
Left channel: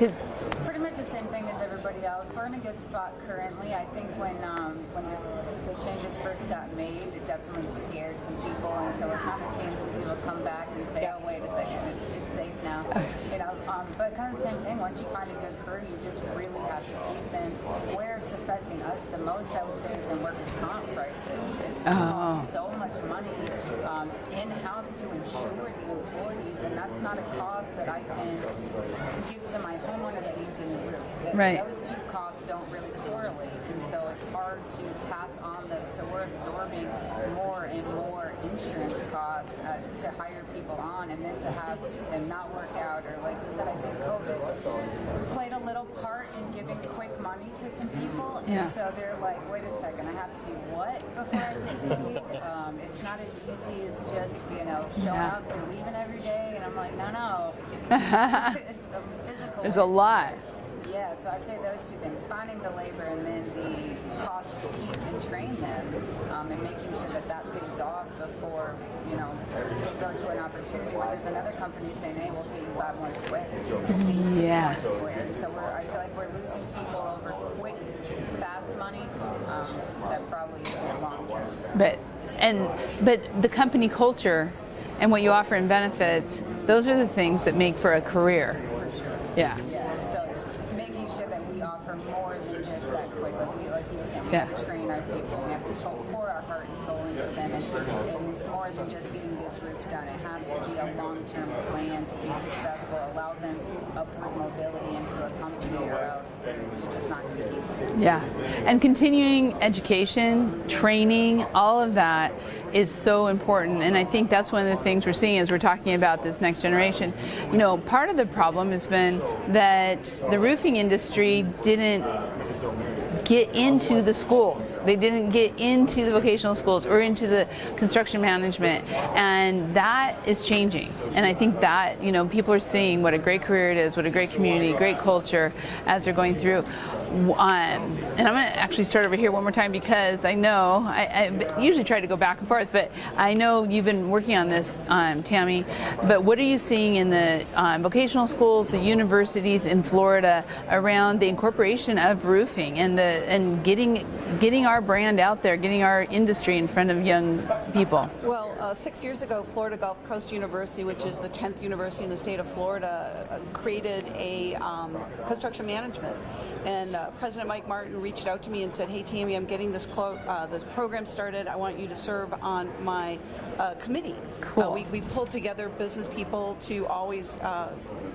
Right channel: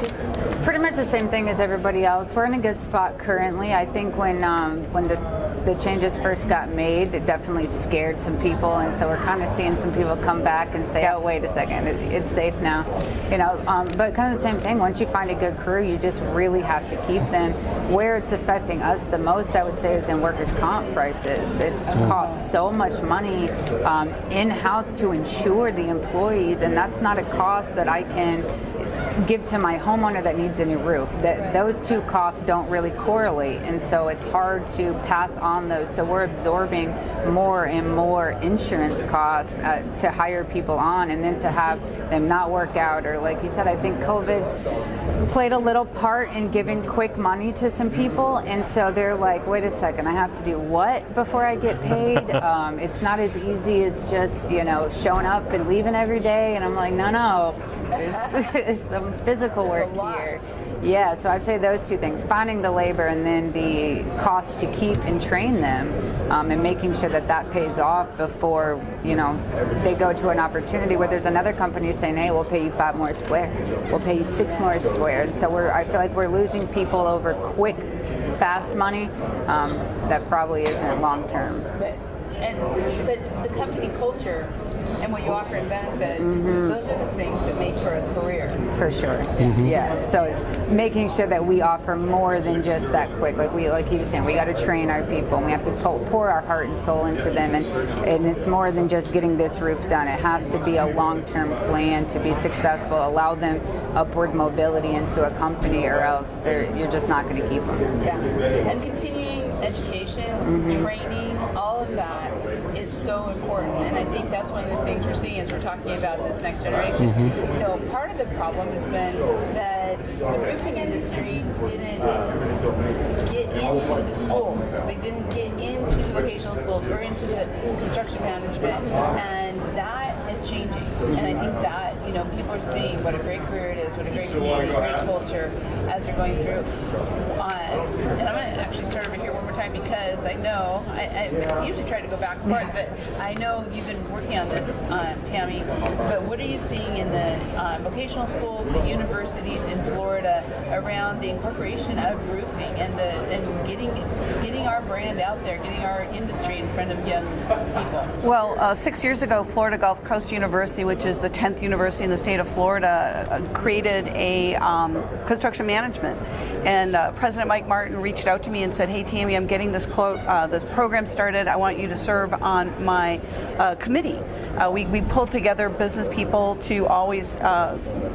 pretty much the same thing as everybody else. We're in a good spot currently. I think when the changes first got made, it definitely scared some people, and so we're kind of seeing some people come back and say, "Oh, wait a second, it's safe now," you know. But kind of the same thing. Once you find a good crew, you just really have to keep them. Where it's affecting us the most, I would say, is in workers' comp prices. It's cost so much money in-house to insure the employees, and that's not a cost that I can give to my homeowner that needs a new roof. Those two costs don't really correlate, and so it's hard to pass on those. So we're absorbing more and more insurance costs to hire people on, and then to have them not work out, or like you said, I think COVID played a little part in giving quick money to some people, and so they're like, wait a second, I have to do what before I get paid? It's not as easy as just, you know, showing up and leaving every day, and I'm like, no, there's some physical work. There's a lot. Here. Yeah, so I'd say those two things: finding the labor, and then the cost to keep and train them, and making sure that that pays off before, you know, they go to an opportunity where there's another company saying, "Hey, we'll pay you 5 more square, we'll pay you 6 more square." So I feel like we're losing people over quick, fast money that probably isn't long term. But the company culture and what you offer in benefits, those are the things that make for a career. For sure. Yeah. Yeah. So it's making sure that we offer more than just that quick. Like he was saying, we got to train our people, and we have to pour our heart and soul into them. And it's more than just getting this roof done. It has to be a long-term plan to be successful. Allow them upward mobility into a company, or else you're just not going to keep them. Yeah. And continuing education, training, all of that is so important. And I think that's one of the things we're seeing as we're talking about this next generation. You know, part of the problem has been that the roofing industry didn't get into the schools. They didn't get into the vocational schools or into the construction management, and that is changing. And I think that, you know, people are seeing what a great career it is, what a great community, great culture as they're going through. And I'm going to actually start over here one more time, because I know I usually try to go back and forth, but I know you've been working on this, Tammy. But what are you seeing in the vocational schools, the universities in Florida around the incorporation of roofing and getting our brand out there, getting our industry in front of young people? Well, 6 years ago, Florida Gulf Coast University, which is the 10th university in the state of Florida, created a construction management. And President Mike Martin reached out to me and said, "Hey, Tammy, I'm getting this program started. I want you to serve on my committee." We pulled together business people to always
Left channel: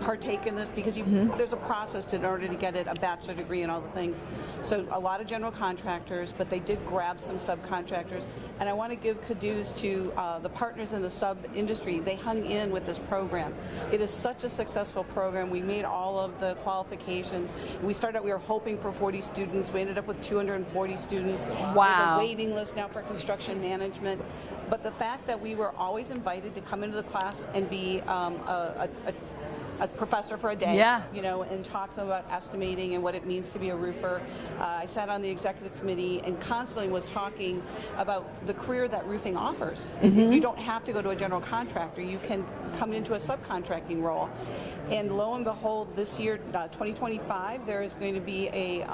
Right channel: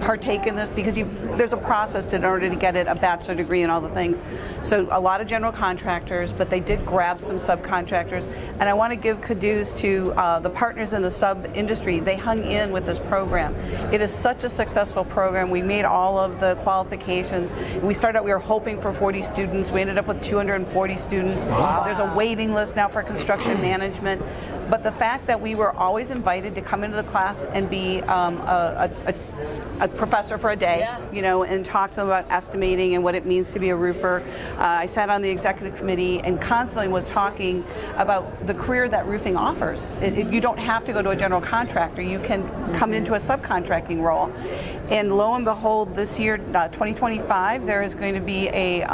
partake in this, because there's a process in order to get it, a bachelor degree and all the things. So a lot of general contractors, but they did grab some subcontractors. And I want to give kudos to the partners in the sub-industry. They hung in with this program. It is such a successful program. We made all of the qualifications. We were hoping for 40 students. We ended up with 240 students. Wow. There's a waiting list now for construction management. But the fact that we were always invited to come into the class and be a professor for a day, you know, and talk to them about estimating and what it means to be a roofer. I sat on the executive committee and constantly was talking about the career that roofing offers. You don't have to go to a general contractor. You can come into a subcontracting role. And lo and behold, this year, 2025, there is going to be a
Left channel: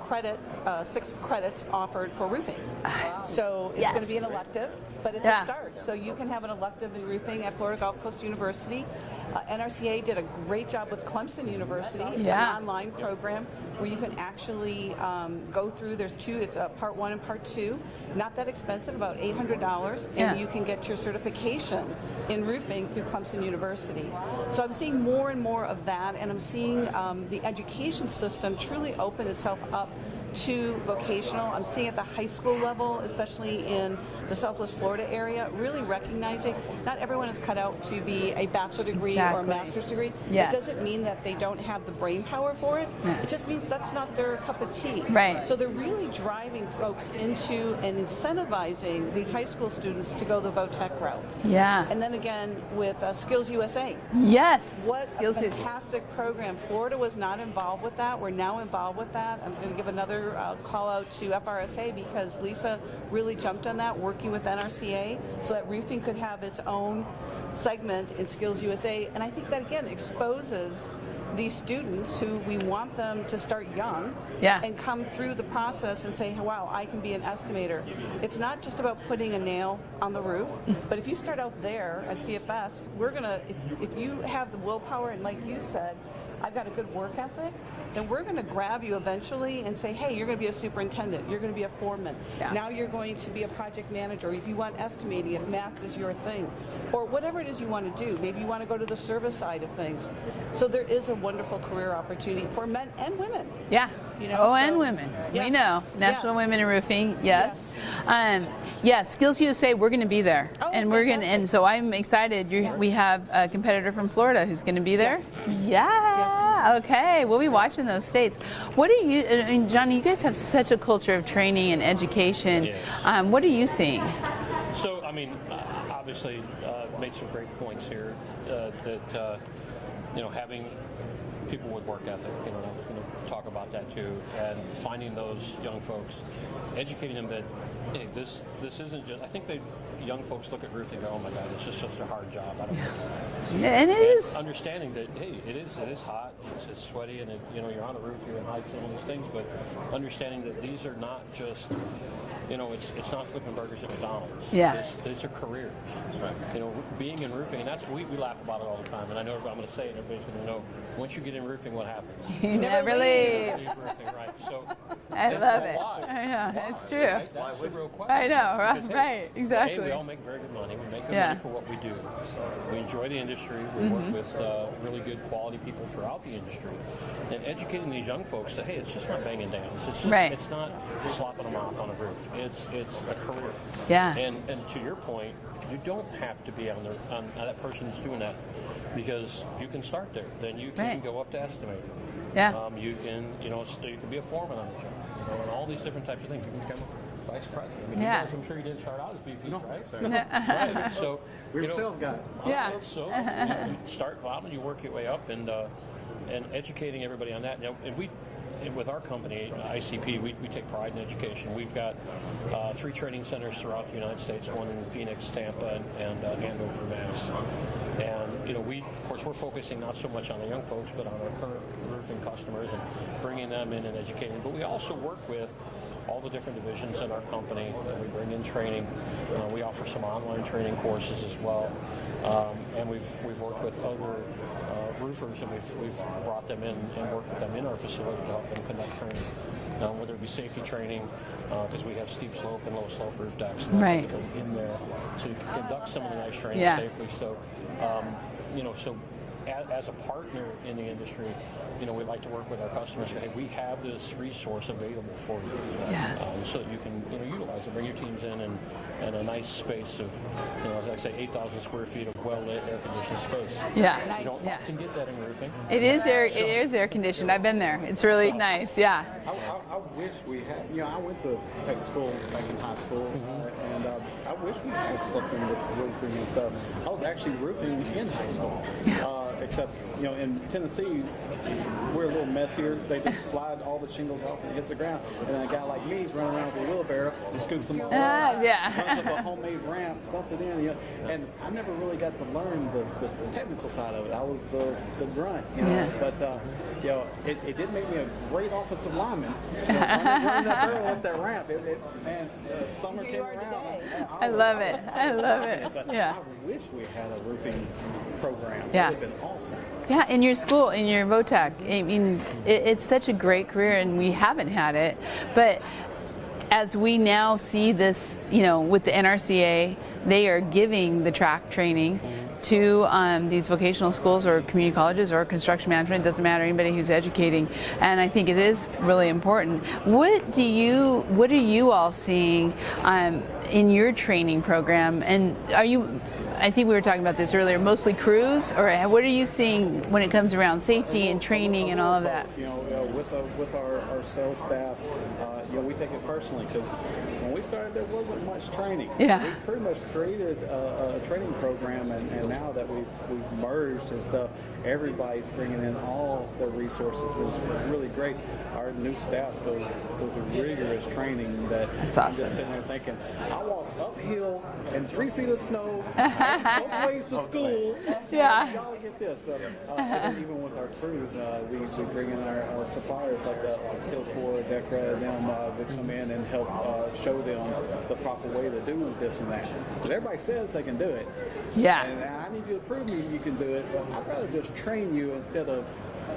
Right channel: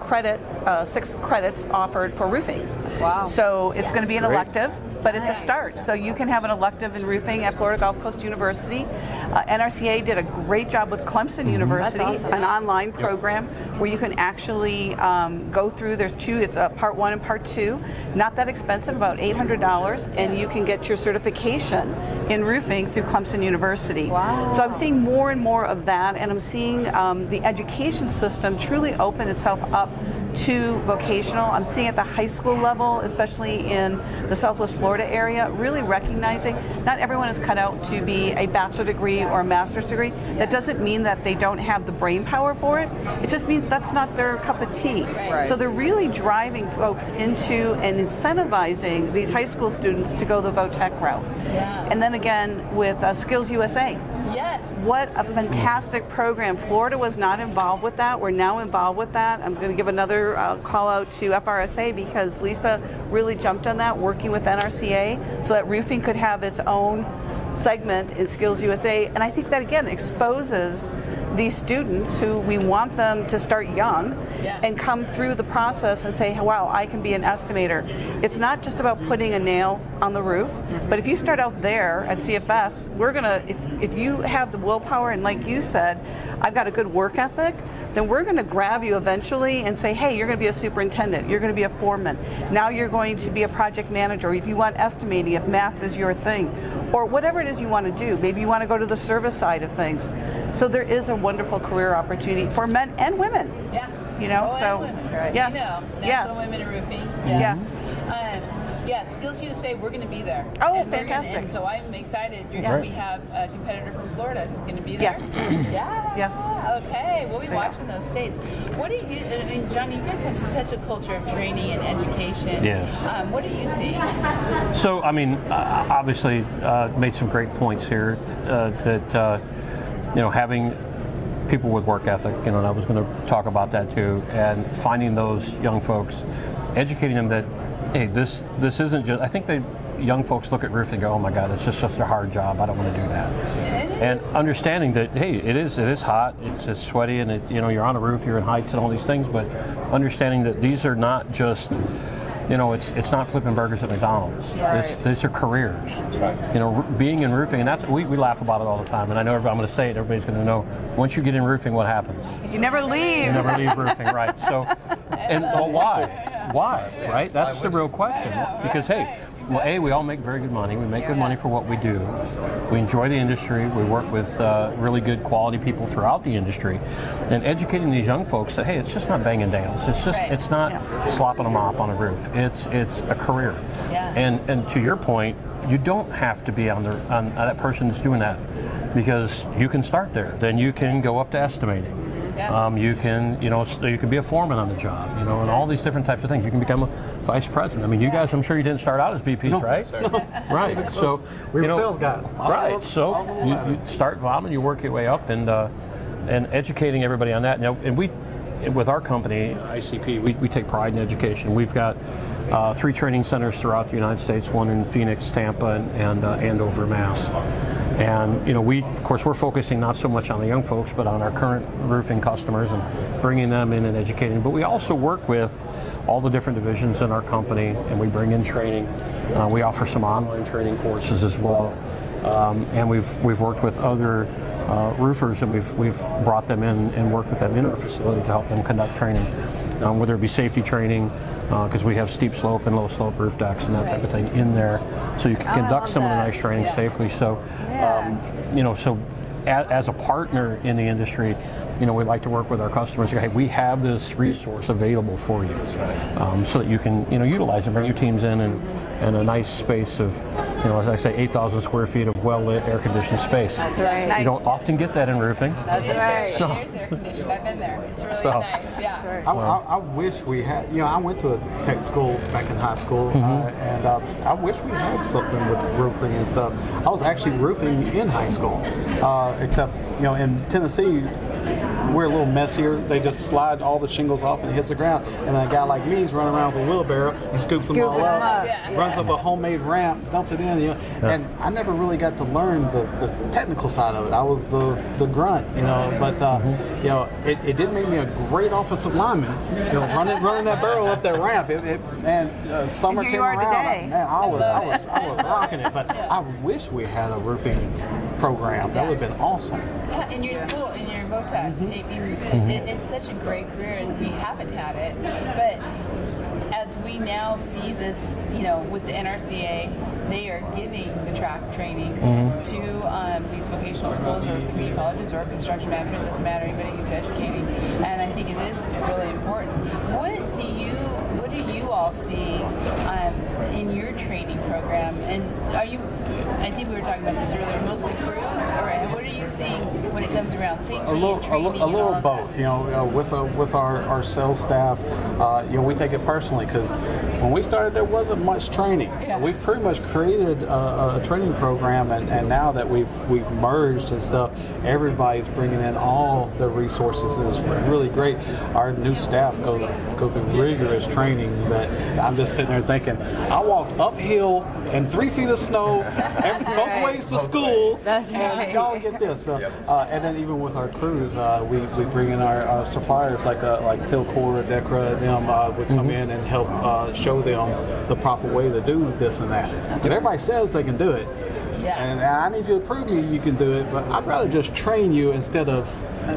credit, 6 credits offered for roofing. Wow. So it's going to be an elective, but it's a start. So you can have an elective in roofing at Florida Gulf Coast University. NRCA did a great job with Clemson University, an online program where you can actually go through. There's 2, it's part 1 and part 2. Not that expensive, about $800, and you can get your certification in roofing through Clemson University. Wow. So I'm seeing more and more of that, and I'm seeing the education system truly open itself up to vocational. I'm seeing at the high school level, especially in the Southwest Florida area, really recognizing not everyone is cut out to be a bachelor degree or a master's degree. It doesn't mean that they don't have the brain power for it. It just means that's not their cup of tea. Right. So they're really driving folks into and incentivizing these high school students to go the VOTEC route. Yeah. And then again with Skills USA. Yes. What a fantastic program. Florida was not involved with that. We're now involved with that. I'm going to give another call out to FRSA, because Lisa really jumped on that, working with NRCA so that roofing could have its own segment in Skills USA, and I think that again exposes these students who we want them to start young and come through the process and say, wow, I can be an estimator. It's not just about putting a nail on the roof, but if you start out there at CFS, we're gonna, if you have the willpower, and like you said, I've got a good work ethic, then we're going to grab you eventually and say, hey, you're going to be a superintendent, you're going to be a foreman, now you're going to be a project manager, if you want estimating, if math is your thing, or whatever it is you want to do. Maybe you want to go to the service side of things. So there is a wonderful career opportunity for men and women. Yeah. You know, and women. Right. Yes. You know, National Women in Roofing. Yes. Skills USA, we're going to be there. Oh, and we're fantastic. and so I'm excited. We have a competitor from Florida who's going to be there. Yes. Okay, we'll be watching those states. What are you, and Johnny, you guys have such a culture of training and education. Yes. What are you seeing? So, I mean, obviously made some great points here that, having people with work ethic, and I was going to talk about that too, and finding those young folks, educating them that, hey, this isn't just, I think young folks look at roofing and go, oh my God, it's just such a hard job, I don't want to do that. And understanding that, hey, it is hot, it's sweaty, and you're on a roof, you're in heights and all these things, but understanding that these are not just, it's not flipping burgers at McDonald's. Yeah. These are careers. That's right. Being in roofing, and that's we laugh about it all the time. And I know I'm going to say it. Everybody's going to know. Once you get in roofing, what happens? You never leave. You never leave roofing, right? So, why? Why? True. Right? That's the real question. I know, right? Because hey, Right, well, exactly. we all make very good money. We make good money for what we do. We enjoy the industry. We work with really good quality people throughout the industry, and educating these young folks that hey, it's just not banging nails. It's just it's not slopping a mop on a roof. It's a career. Yeah. And to your point, you don't have to be on that person that's doing that, because you can start there. Then you can go up to estimating. Yeah. You can you can be a foreman on the job. And all these different types of things. You can become a vice president. I mean, you guys, I'm sure you didn't start out as VPs, right? No. Right. So we were sales guys. Right. So you start bottom, you work your way up, and educating everybody on that. And with our company, ICP, we take pride in education. We've got 3 training centers throughout the United States, one in Phoenix, Tampa, and Andover, Mass. And we're focusing not so much on the young folks, but on our current roofing customers and bringing them in and educating. But we also work with all the different divisions in our company, and we bring in training. We offer some online training courses as well, and we've worked with other roofers, and we've brought them in and worked with them in our facility to help them conduct training, whether it be safety training, because we have steep slope and low slope roof decks and that type of thing in there, so you can conduct some of the nice training safely. So, so as a partner in the industry, we like to work with our customers. Hey, we have this resource available for you, so that you can utilize and bring your teams in and a nice space of, as I say, 8,000 square feet of well-lit, air-conditioned space. Yeah. You don't often get that in roofing. It is air conditioned. I've been there. It's really nice. Yeah. I wish we had, I went to a tech school back in high school, and I wish we had something with roofing and stuff. I was actually roofing in high school, except, in Tennessee, we're a little messier. They just slide all the shingles off and it hits the ground. And a guy like me is running around with a wheelbarrow and scoops them all up, runs up a homemade ramp, dumps it in. And I never really got to learn the technical side of it. I was the grunt, But it did make me a great offensive lineman. Running that barrel up that ramp. Summer Here came you are around. today. Man, I was rocking it. But Yeah. I wish we had a roofing program. That would have been awesome. Yeah, in your school, in your VOTAC, I mean, it's such a great career, and we haven't had it. But as we now see this, with the NRCA, they are giving the track training to these vocational schools or community colleges or construction management. It doesn't matter, anybody who's educating, and I think it is really important. What are you all seeing in your training program? And are you? I think we were talking about this earlier. Mostly crews, or what are you seeing when it comes around safety and training and all of both. that? With our sales staff, we take it personally because when we started, there wasn't much training. Yeah. So we've pretty much created a training program, and now that we've merged and stuff, everybody's bringing in all their resources. It's really great. Our new staff go through rigorous training that I'm just sitting there thinking, I walked uphill in 3 feet of snow both ways to school. That's right. Y'all get this. So, and then even with our crews, we bring in our suppliers like Tilcor, Decra, them would come in and help show them the proper way to do this and that. And everybody says they can do it. Yeah. And I need you to prove you can do it, but I'd rather just train you instead of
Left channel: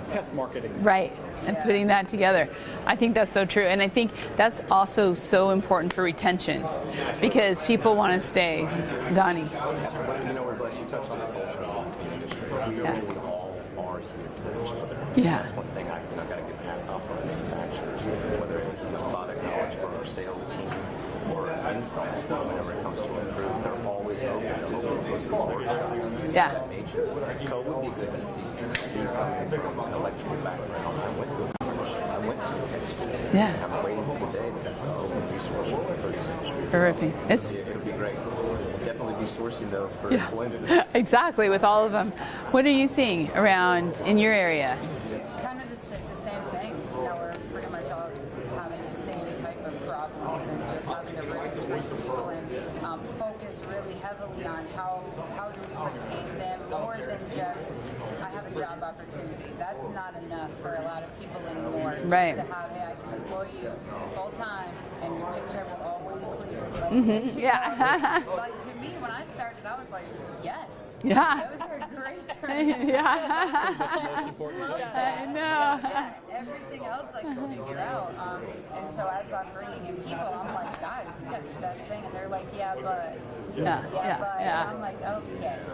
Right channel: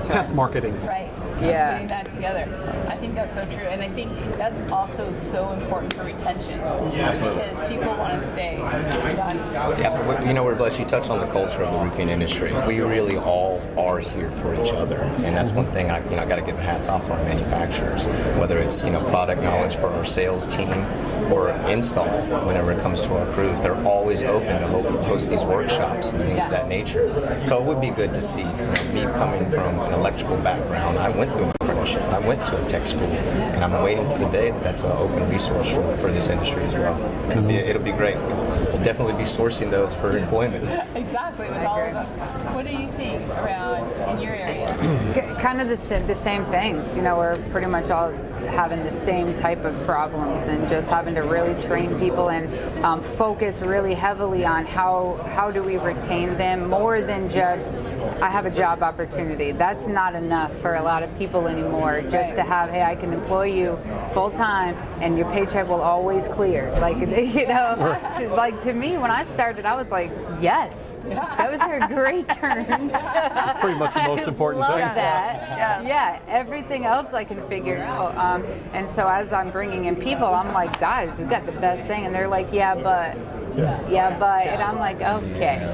test marketing. Right. Yeah. And putting that together. I think that's so true. And I think that's also so important for retention. Because people want to stay. Donnie. Yeah, but we're blessed. You touched on the culture of the roofing industry. We really all are here for each other, and that's one thing I got to give hats off to our manufacturers. Whether it's product knowledge for our sales team or install, whenever it comes to our crews, they're always open to host these workshops and things of that nature. So it would be good to see me coming from an electrical background. I went through an apprenticeship. I went to a tech school, and I'm waiting for the day that's an open resource for this industry as well. It'll be great. We'll definitely be sourcing those for employment. Exactly, with all of them. What are you seeing around in your area? Kind of the same things. We're pretty much all having the same type of problems, and just having to really train people and focus really heavily on how do we retain them more than just I have a job opportunity. That's not enough for a lot of people anymore. Just to have, hey, I can employ you full time and your paycheck will always clear. Like like to me when I started, I was like, yes, those are great terms. Pretty much the most important love thing. That. Yeah, everything else I can figure out. And so as I'm bringing in people, I'm like, guys, we've got the best thing, and they're like, yeah, but, and I'm like, okay.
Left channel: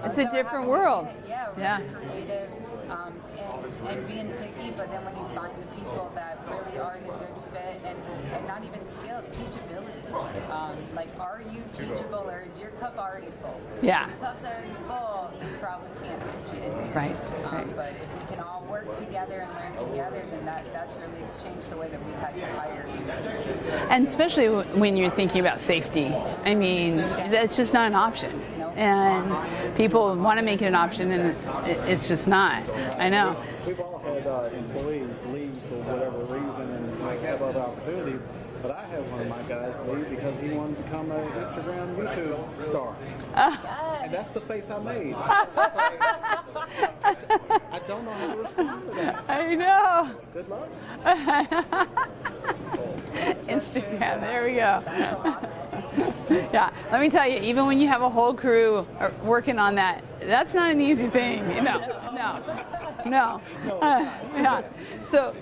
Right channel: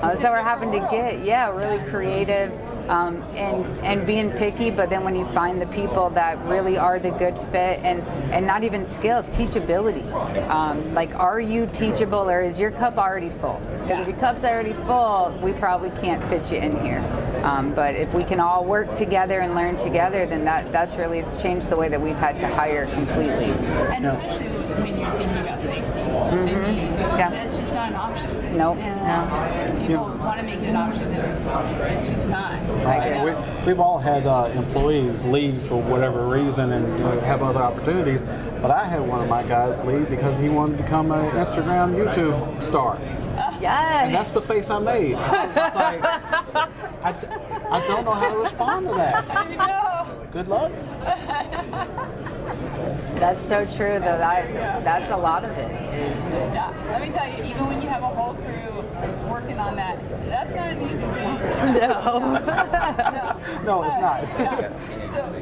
So we're having to get really creative and being picky, but then when you find the people that really are the good fit and not even skill, teachability. Like, are you teachable, or is your cup already full? Yeah. If your cup's already full, we probably can't fit you in here. But if we can all work together and learn together, then that's really, it's changed the way that we've had to hire completely. And especially when you're thinking about safety. I mean, that's just not an option. Nope. And people want to make it an option, and it's just not. I know. We've all had employees leave for whatever reason and have other opportunities, but I had one of my guys leave because he wanted to become an Instagram, YouTube star. Yes. And that's the face I made. I was just like, I don't know how to respond to that. I know. Good luck. That's so true, though. There we go. That's a lot of it. Yeah, let me tell you, even when you have a whole crew working on that, that's not an easy thing. No, it's not. Yeah. So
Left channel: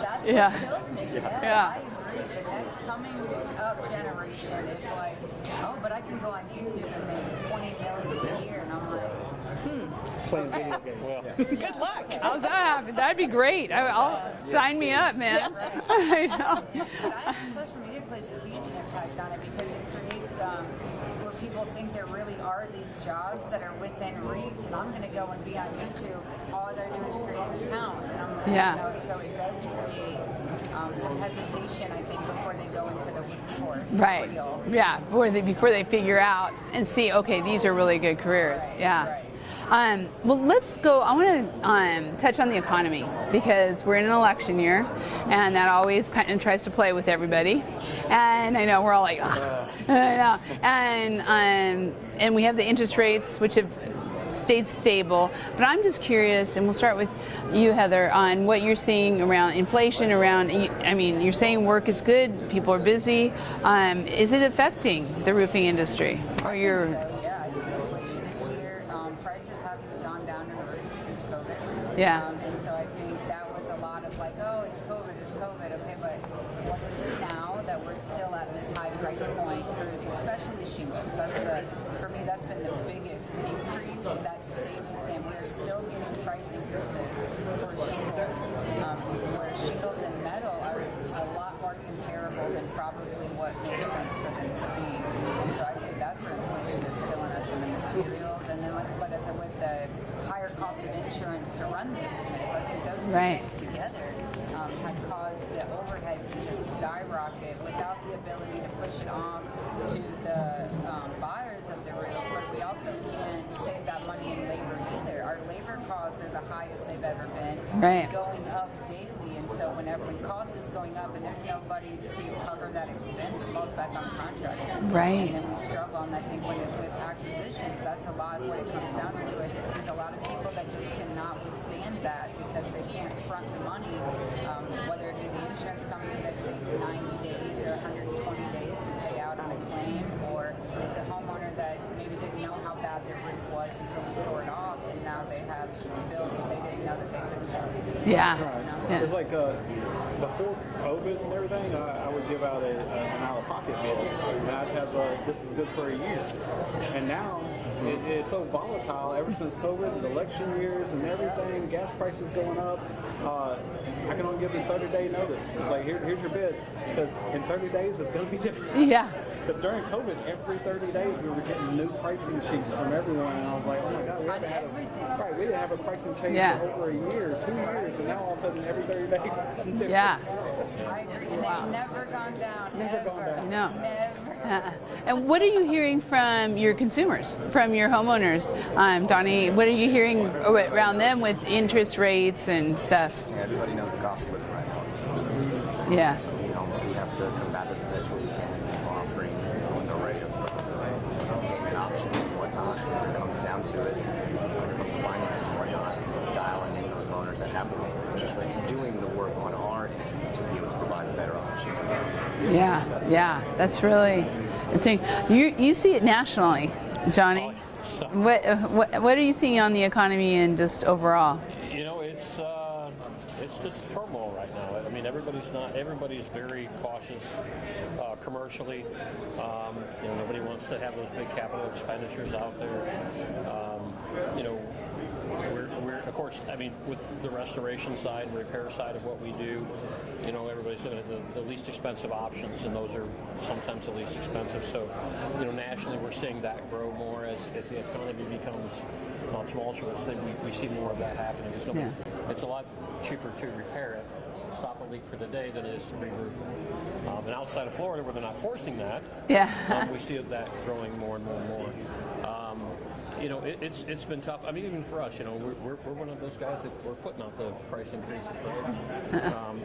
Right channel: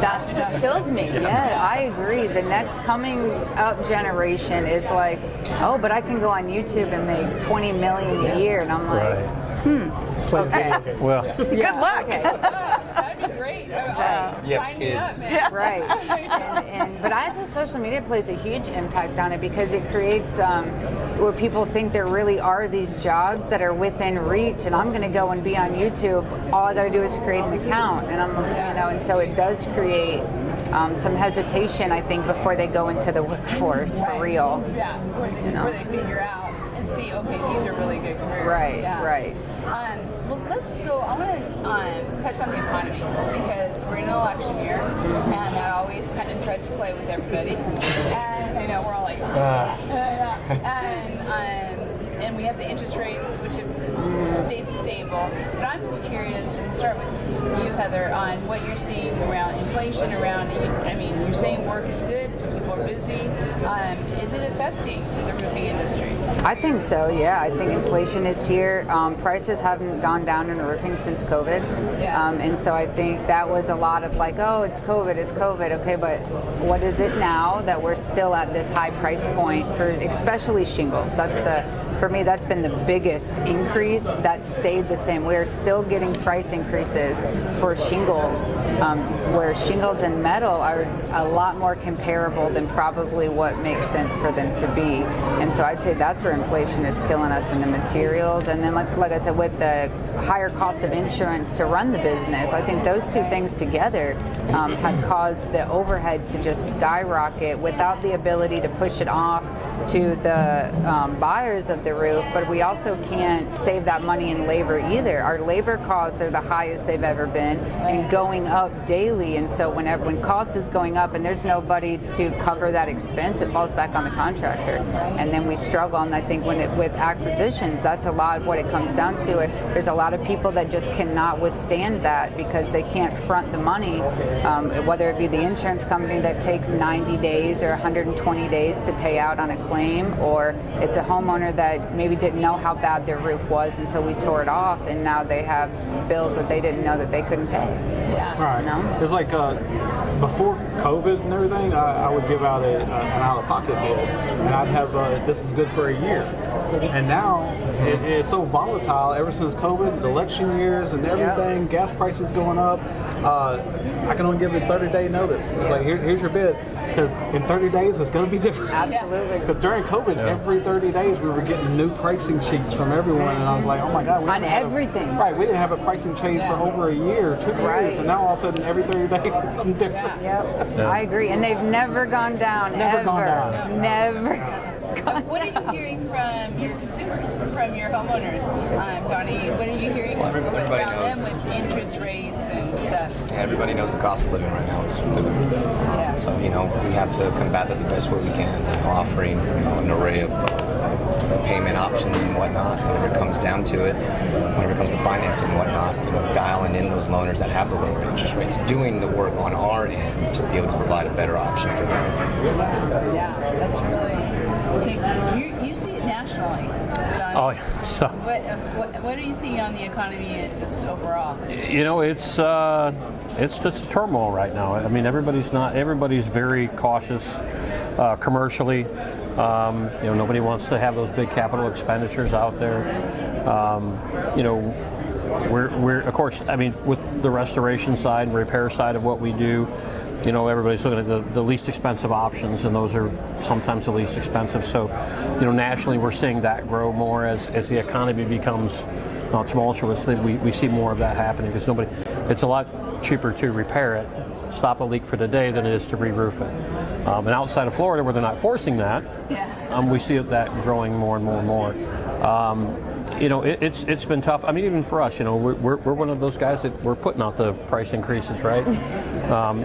that's what kills me. Yeah, I agree. The next coming up generation is like, oh, but I can go on YouTube and make $20 million a year, and I'm like, okay. Well, good luck. Okay. That'd be great. Sign me up, man. Right. But I think social media plays a huge impact on it because it creates where people think there really are these jobs that are within reach, and I'm going to go and be on YouTube. All I got to do is create an account, and and so it does create some hesitation, I think, before they go into the workforce for real. Yeah, before they figure out and see, okay, these are really good careers. Right. Yeah. Right. Well, let's go. I want to touch on the economy because we're in an election year, and that always kind of tries to play with everybody. And I know we're all like, yeah. And we have the interest rates, which have stayed stable. But I'm just curious, and we'll start with you, Heather, on what you're seeing around inflation. I mean, you're saying work is good, people are busy. Is it affecting the roofing industry? I think so, yeah. I think inflation is here. Prices haven't gone down in roofing since COVID. Yeah. And so I think that was a lot of like, oh, it's COVID. Okay, but what is it now that we're still at this high price point for especially shingles? For me, that's been the biggest increase. That stayed the same. We're still getting price increases for shingles, where shingles and metal are a lot more comparable than probably what makes sense for them to be. And so I'd say that's where inflation is killing us in the materials. And then, like I said, with the higher cost of insurance to run the business, I think those two things together have caused the overhead to just skyrocket without the ability to push it off to the buyers of the the roof, but we also can't save that money in labor either. Our labor costs are the highest they've ever been, and going up daily. And so when cost is going up and there's nobody to cover that expense, it falls back on the contractor. Right. And then we struggle. And I think with acquisitions, that's a lot of what it comes down to. There's a lot of people that just cannot withstand that because they can't front the money, whether it be the insurance company that takes 90 days or 120 days to pay out on a claim, or it's a homeowner that maybe didn't know how bad their roof was until we tore it off, and now they have bills that they didn't know that they couldn't pay. Yeah. Right. You know? It's like before COVID and everything, I would give out an out-of-pocket bill, and I'd have this is good for a year. And now it's so volatile ever since COVID, election years and everything, gas prices going up. I can only give a 30-day notice. It's like, here's your bid, because in 30 days it's going to be different. Absolutely. Because during COVID, every 30 days we were getting new pricing sheets from everyone, and I was like, oh my God. On everything. Right, we didn't have a pricing change for over a year, 2 years, and now all of a sudden every 30 days it's something different. I agree, and they've never gone down. Never gone down. No. Never. And what are you hearing from your consumers, from your homeowners? Donnie, what are you hearing around them with interest rates and stuff? Everybody knows the cost of living right now is through the roof. Yeah. So, we have to combat that the best way we can, offering, an array of payment options and whatnot, whenever it comes down to it, whenever it comes to financing and whatnot, dialing in those loaners that have the lower interest rates, doing the work on our end to be able to provide a better option for them. Yeah, that's really interesting. You see it nationally, Johnny. Oh, yeah. So, What are you seeing on the economy and just overall? it's just turmoil right now. I mean, everybody's very cautious commercially. Nobody wants to have those big capital expenditures out there. We're of course, I mean, with the restoration side and repair side of what we do, everybody's looking at the least expensive options, and those are sometimes the least expensive. So, nationally, we're seeing that grow more as the economy becomes tumultuous. We see more of that happening because it's a lot cheaper to repair it, stop a leak for the day, than it is to re-roof it. And outside of Florida, where they're not forcing that, we see that growing more and more and more. It's been tough. I mean, even for us, we're one of those guys that we're putting out the price increases, right,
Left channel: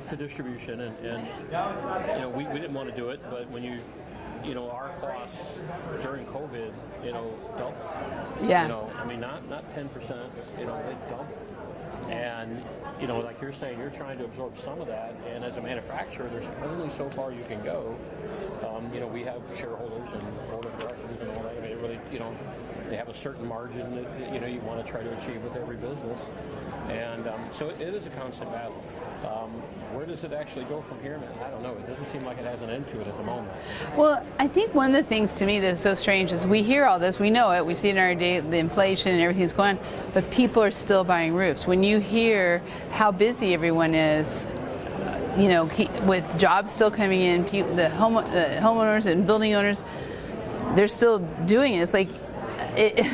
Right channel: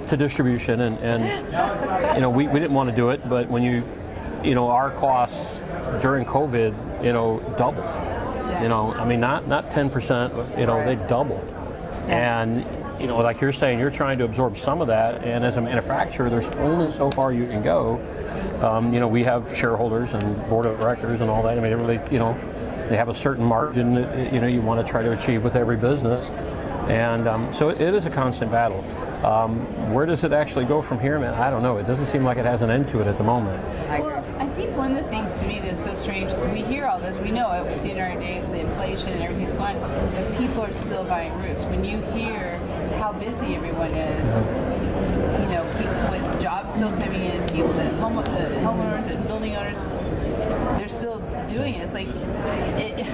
to distribution, and we didn't want to do it, but when our costs during COVID, doubled. I mean, not 10%, they doubled, and. Like you're saying, you're trying to absorb some of that, and as a manufacturer, there's only so far you can go. We have shareholders and board of directors and all that. I mean, it really, they have a certain margin that, you want to try to achieve with every business, and so it is a constant battle. Where does it actually go from here, man? I don't know. It doesn't seem like it has an end to it at the moment. Well, I think one of the things to me that's so strange is we hear all this, we know it, we see it in our day, the inflation and everything's going, but people are still buying roofs. When you hear how busy everyone is, with jobs still coming in, people, the homeowners and building owners, they're still doing it. It's like,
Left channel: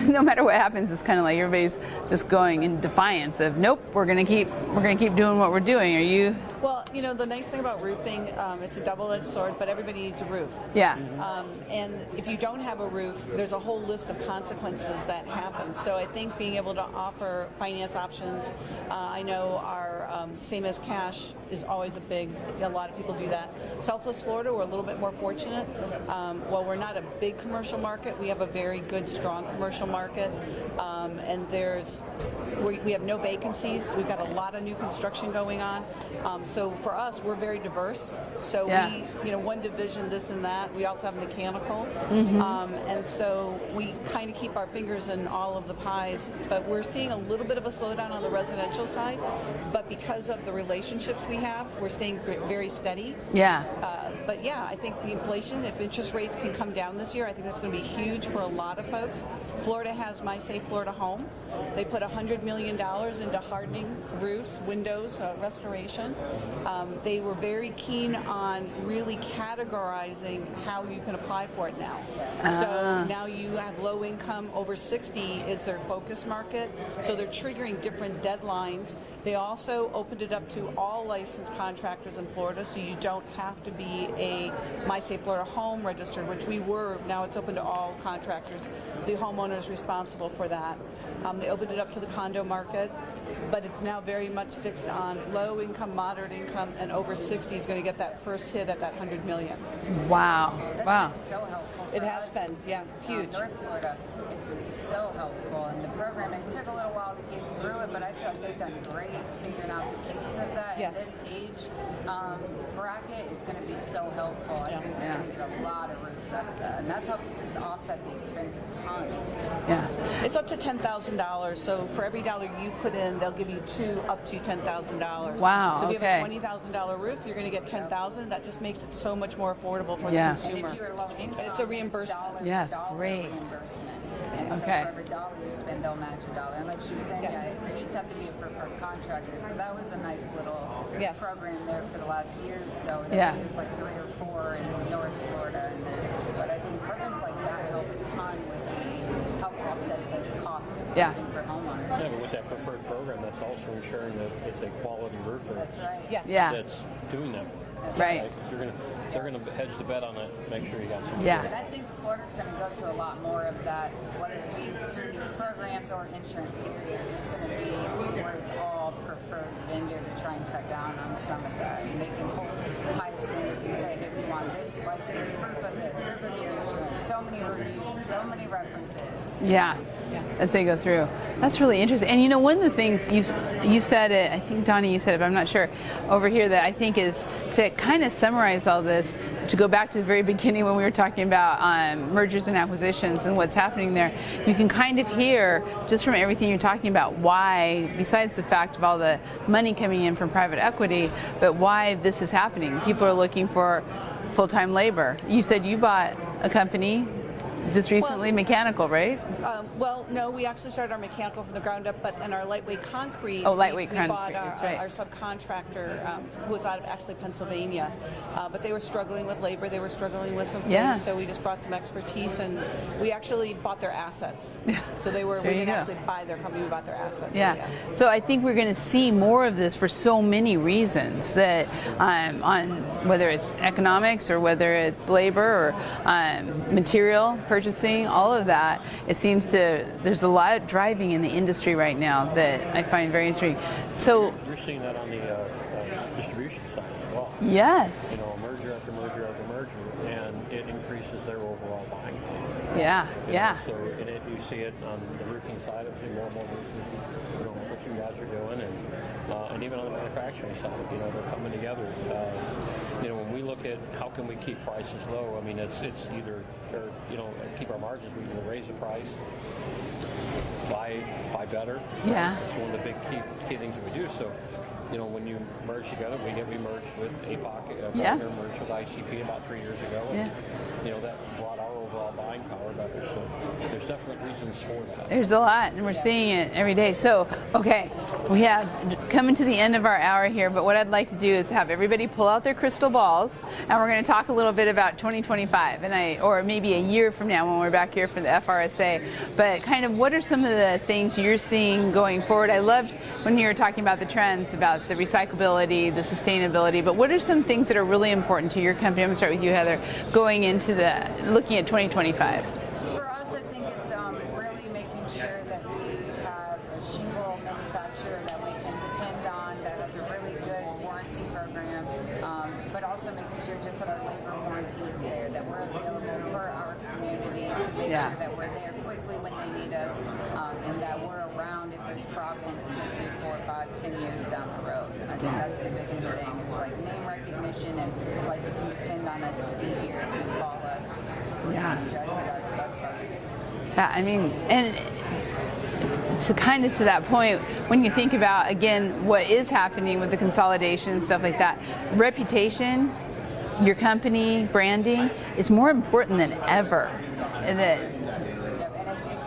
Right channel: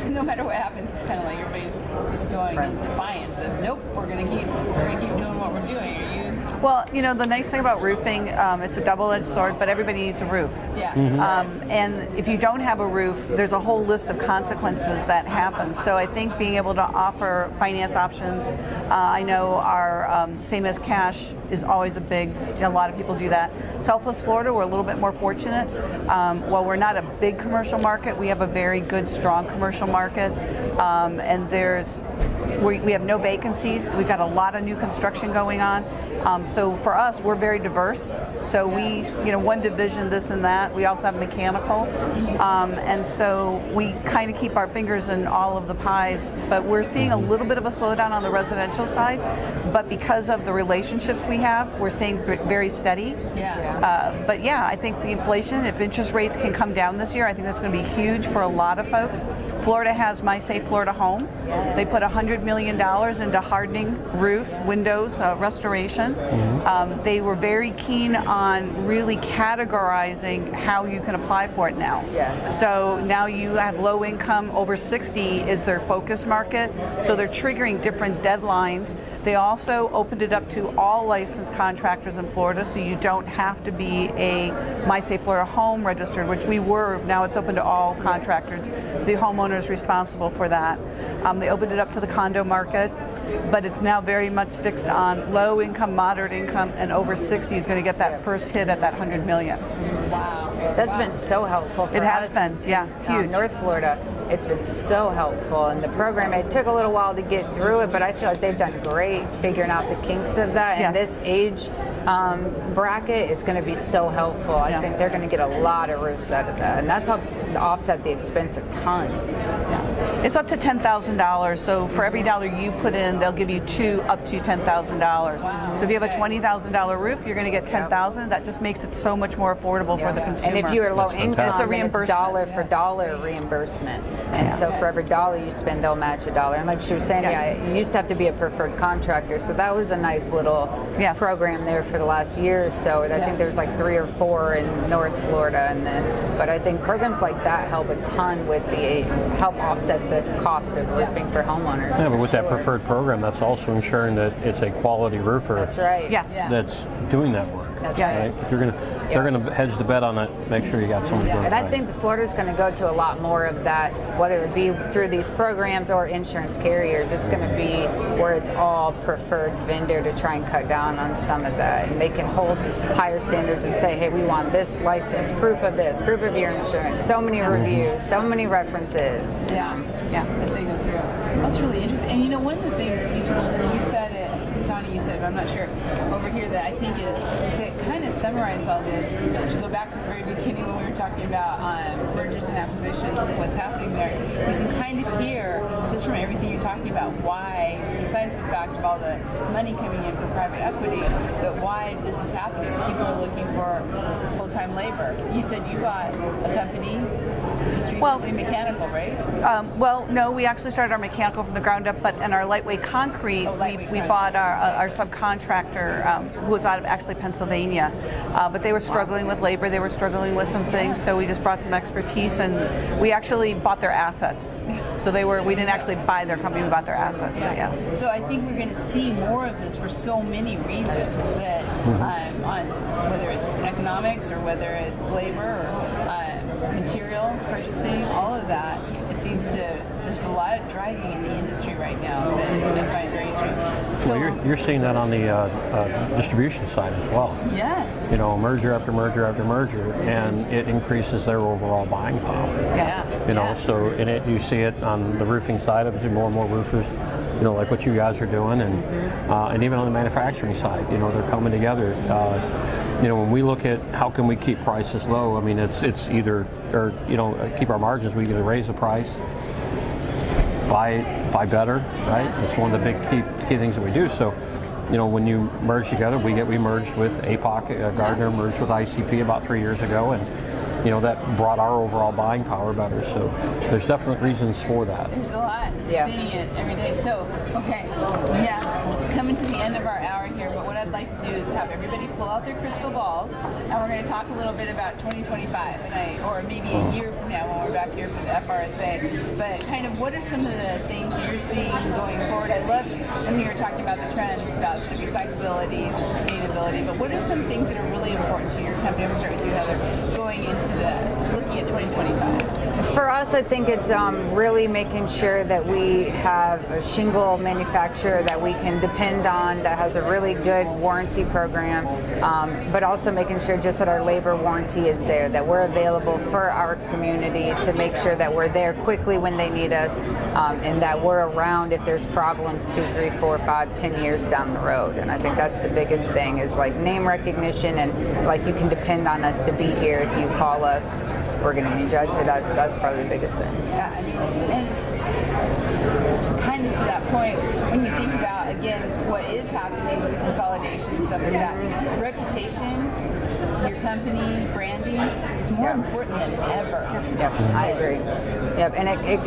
no matter what happens, it's kind of like everybody's just going in defiance of, nope, we're gonna keep doing what we're doing. Are you? Well, the nice thing about roofing, it's a double-edged sword, but everybody needs a roof. Yeah. And if you don't have a roof, there's a whole list of consequences that happen. So I think being able to offer finance options, I know our same as cash is always a big, a lot of people do that. Southwest Florida, we're a little bit more fortunate. While we're not a big commercial market, we have a very good, strong commercial market, and we have no vacancies. We've got a lot of new construction going on. So for us, we're very diverse. So we, one division, this and that. We also have mechanical, and so we kind of keep our fingers in all of the pies. But we're seeing a little bit of a slowdown on the residential side. But because of the relationships we have, we're staying very steady. But I think the inflation, if interest rates can come down this year, I think that's going to be huge for a lot of folks. Florida has My Safe Florida Home. They put $100 $100 million into hardening roofs, windows, restoration. They were very keen on really categorizing how you can apply for it now. Yes. So now you have low income, over 60 is their focus market. So they're triggering different deadlines. They also opened it up to all licensed contractors in Florida, so you don't have to be a MySafe Florida home registered, which we were. Now it's open to all contractors. The homeowner is responsible for that. They opened it up to the condo market, but it's now very much fixed on low income, moderate income, and over 60 is going to get that first hit at that 100 million. Wow. That's been so helpful for It has us. been, yeah, it's huge. North Florida, it's been so helpful. And the program, it took a little while to get through it, but I feel like they've done great figuring out the kinks of that. And Yes. this age bracket is going to be so helpful. I think they're going to get a lot of roofs out of that. And that's helped offset the expense a ton. Yeah. It's up to $10,000. So for every dollar you put in, they'll give you two up to $10,000. Wow, So if you have a okay. $20,000 roof, you're going to get $10,000. That just makes it so much more affordable for the Yeah. consumer. And if you are low That's income, fantastic. It's a then it's reimbursement. dollar Yeah, for it's dollar great. reimbursement. And Yeah. so Okay. for every dollar you spend, they'll match a dollar. And like she was saying, Yeah. you used to have to be a preferred contractor. So that was a nice little Yes. program there for the last year or so. And I Yeah. think there's like 3 or 4 in North Florida. But I think programs like that help a ton with help offset the cost of Yeah. roofing for homeowners. Yeah, but with that preferred program, that's also ensuring that it's a quality roofer That's right. Yes. Yeah. that's doing that work. That's Yes. right. Right? If they're gonna hedge the bet on it, make sure you got someone Yeah, doing and it I right. think Florida's going to go to a lot more of that, whether it be through these programs or insurance carriers. It's going to be where it's all preferred vendor to try and cut down on some of that. And they can hold higher standards and say, hey, we want this license, proof of this, proof of your insurance, so many reviews, so many references. Yeah, Yeah. as they go through. That's really interesting. And you know, one of the things you said it, I think Donnie, you said it, but I'm not sure, over here that I think is to kind of summarize all this, to go back to the very beginning when we were talking about mergers and acquisitions and what's happening there. You can kind of hear, just from everything you're talking about, why, besides the fact of all the money coming in from private equity, but why this is happening. People are looking for full-time labor. You said you bought a company just recently, mechanical, right? Well, no, we actually started our mechanical from the ground up, but in our lightweight concrete, we bought our subcontractor who was out of actually Pennsylvania. But they were struggling with labor, they were struggling with some things, so we just brought some expertise, and we actually bought their assets. So we didn't actually buy their company, we bought their assets. Yeah. So, yeah. So I think we're going to see more of this for so many reasons that on whether it's economics or whether it's labor or material purchasing, all of that, it seems there's a lot driving in the industry right now that I find very interesting. So You're seeing that on the distribution side as well. yes. You know, merger after merger after merger, and it increases their overall buying power. Yeah. You yeah. know, so you see it on the roofing side of it, more and more roofers, you know, like what you guys are doing, and even on the manufacturing side, you know, they're coming together. You know, when we look at how can we keep prices low, I mean, it's either, or, you know, keep our margins, we either raise the price, buy better, right? Yeah. That's one of the big key things that we do. So, you know, when you merge together, we merged with APOC, Gardner merged with ICP about 3 years ago, and you know, that brought our overall buying power better. So there's definitely reasons for that. There's a lot, and we're seeing it every day. So, okay, we have coming to the end of our hour here, but what I'd like to do is have everybody pull out their crystal balls, and we're going to talk a little bit about 2025, or maybe a year from now when we're back here for the FRSA. But kind of what are some of the things you're seeing going forward? I loved when you were talking about the trends, about the recyclability, the sustainability, but what are some things that are really important to your company? I'm going to start with you, Heather, going into looking at 2025. For us, I think it's really making sure that we have a shingle manufacturer that we can depend on, that has a really good warranty program, but also making sure just that our labor warranty is there, that we're available for our community to make sure that we're there quickly when they need us, and that we're around if there's problems 2, 3, 4, 5, 10 years down the road. And I think that's the biggest thing, is like name recognition, and like you can depend on us to be here. If you call us, we're going to need you. That's probably the biggest thing. Yeah, I mean, and to kind of to that point, when you think about, again, what is happening with the consolidation and stuff like that, reputation, your company, branding is more important than ever. Yep, I agree. Yep, and it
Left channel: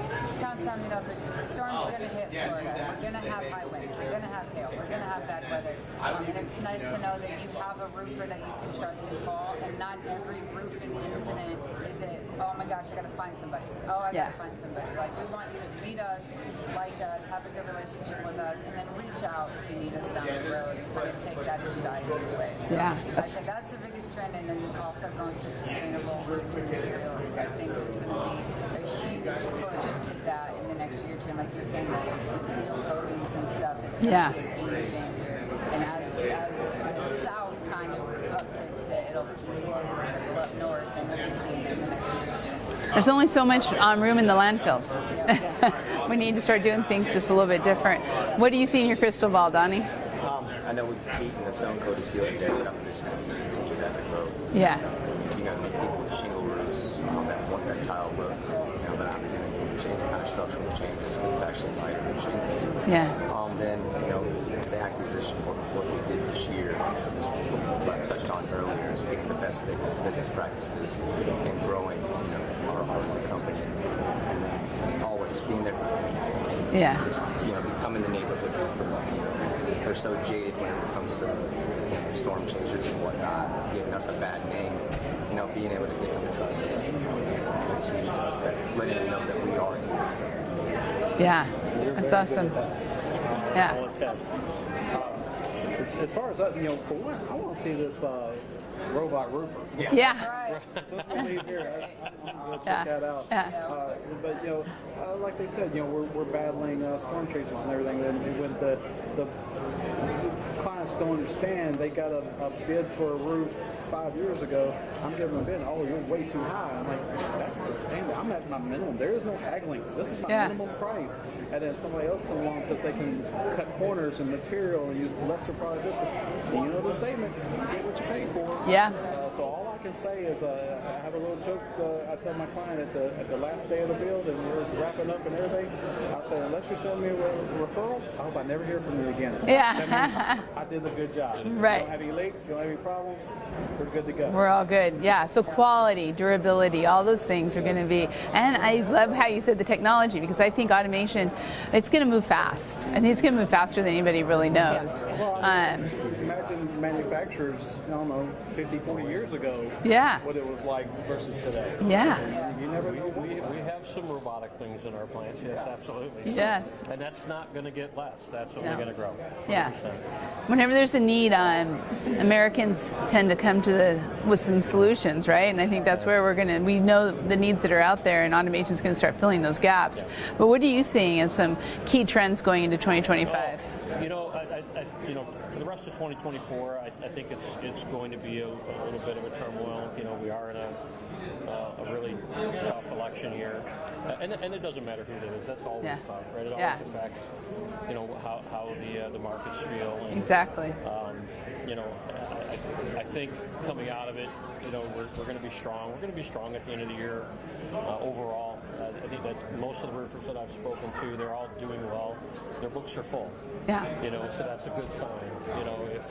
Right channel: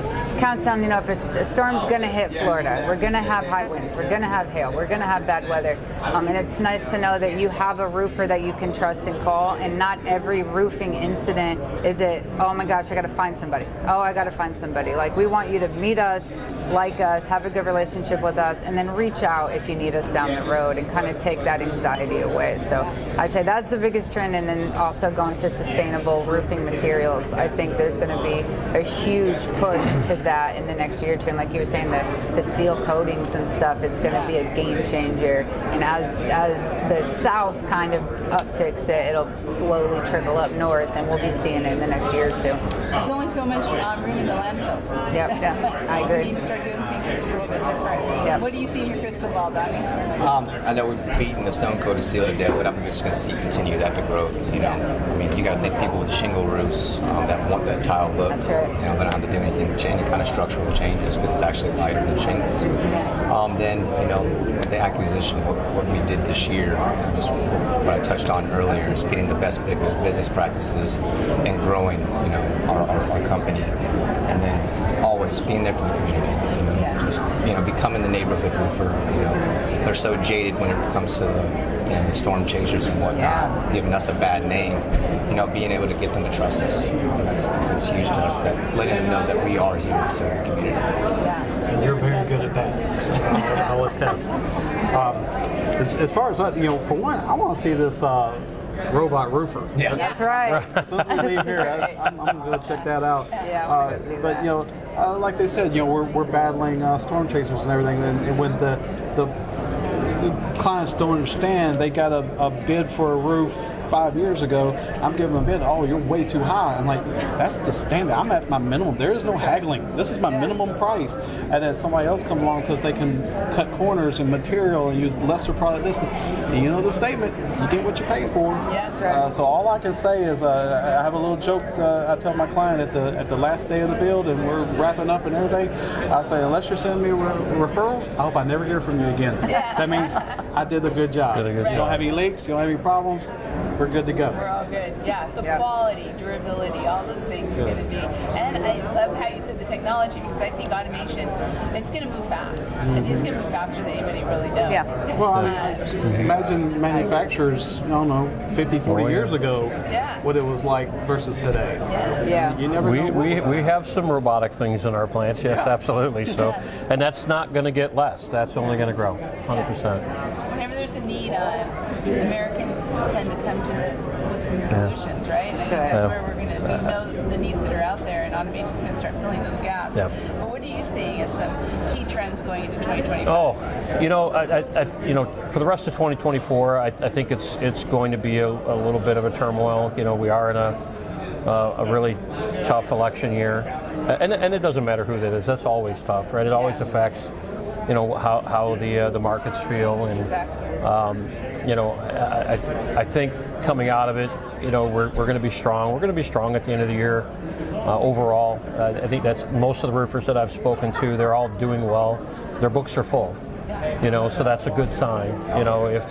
counts down, if a storm's going to hit Florida, we're going to have high winds, we're going to have hail, we're going to have bad weather. And it's nice to know that you have a roofer that you can trust and call, and not every roofing incident is it, oh my gosh, I got to find somebody. Oh, I got to find somebody. Like, we want you to meet us, like us, have a good relationship with us, and then reach out if you need us down the road and kind of take that anxiety away. So I'd say that's the biggest trend, and then also going to sustainable roofing materials. I think there's going to be a huge push to that in the next year or two. And like you were saying, the steel coatings and stuff, it's going to be a game changer. And as the south kind of upticks it, it'll slowly trickle up north, and we'll be seeing it in the next year or two. There's only so much room in the landfills. I agree. We need to start doing things just a little bit different. What do you see in your crystal ball, Donnie? I know we've beaten the stone-coated steel to death, but I'm just going to see continue that to growth. You know? I mean, you got to think people with the shingle roofs that want that tile look. That's right. They don't have to do anything with any kind of structural changes because it's actually lighter than shingles. Then, the acquisition, what we did this year, just what I touched on earlier, is getting the best business practices and growing, our company, and then always being there for the community. Just becoming the neighborhood roofer. They're so jaded when it comes to the storm chasers and whatnot, giving us a bad name. Being able to get them to trust us, that's huge to us. That letting them know that we are here to serve the community. And you're very good at that. I'll attest. As far as for one, I want to see this robot roofer. That's right. As soon as we leave here, I'm going to check that out. But like they said, we're battling storm chasers and everything, and when the clients don't understand, they got a bid for a roof 5 years ago, I'm giving them a bid. Oh, you're way too high. I'm like, that's the standard. I'm at my minimum. There is no haggling. This is my minimum price. And then somebody else come along because they can cut corners and material and use lesser product. And you know the statement, you get what you pay for. That's right. So all I can say is I have a little joke I tell my client at the last day of the build, and we're wrapping up and everything. I say, unless you're sending me a referral, I hope I never hear from you again. That means I did a good job. You don't have any leaks, you don't have any problems, we're good to go. We're all good. So quality, durability, all those things are going to be. And I love how you said the technology, because I think automation, it's going to move fast. I think it's going to move faster than anybody really knows. Well, imagine manufacturers, 50, 40 years ago, what it was like versus today. You never know. We have some robotic things in our plants, yes, absolutely. So, and that's not going to get less. That's only going to grow, 100%. Whenever there's a need, Americans tend to come to with some solutions, right? And I think that's where we know the needs that are out there, and automation is going to start filling those gaps. But what are you seeing as some key trends going into 2025? For the rest of 2024, I think it's going to be a little bit of a turmoil. We are in a really tough election year, and it doesn't matter who that is. That's always tough, right? It always affects, how the markets feel. And, I think coming out of it, we're going to be strong. We're going to be strong at the end of the year overall. I think that's most of the roofers that I've spoken to. They're all doing well. Their books are full. So that's a good sign. If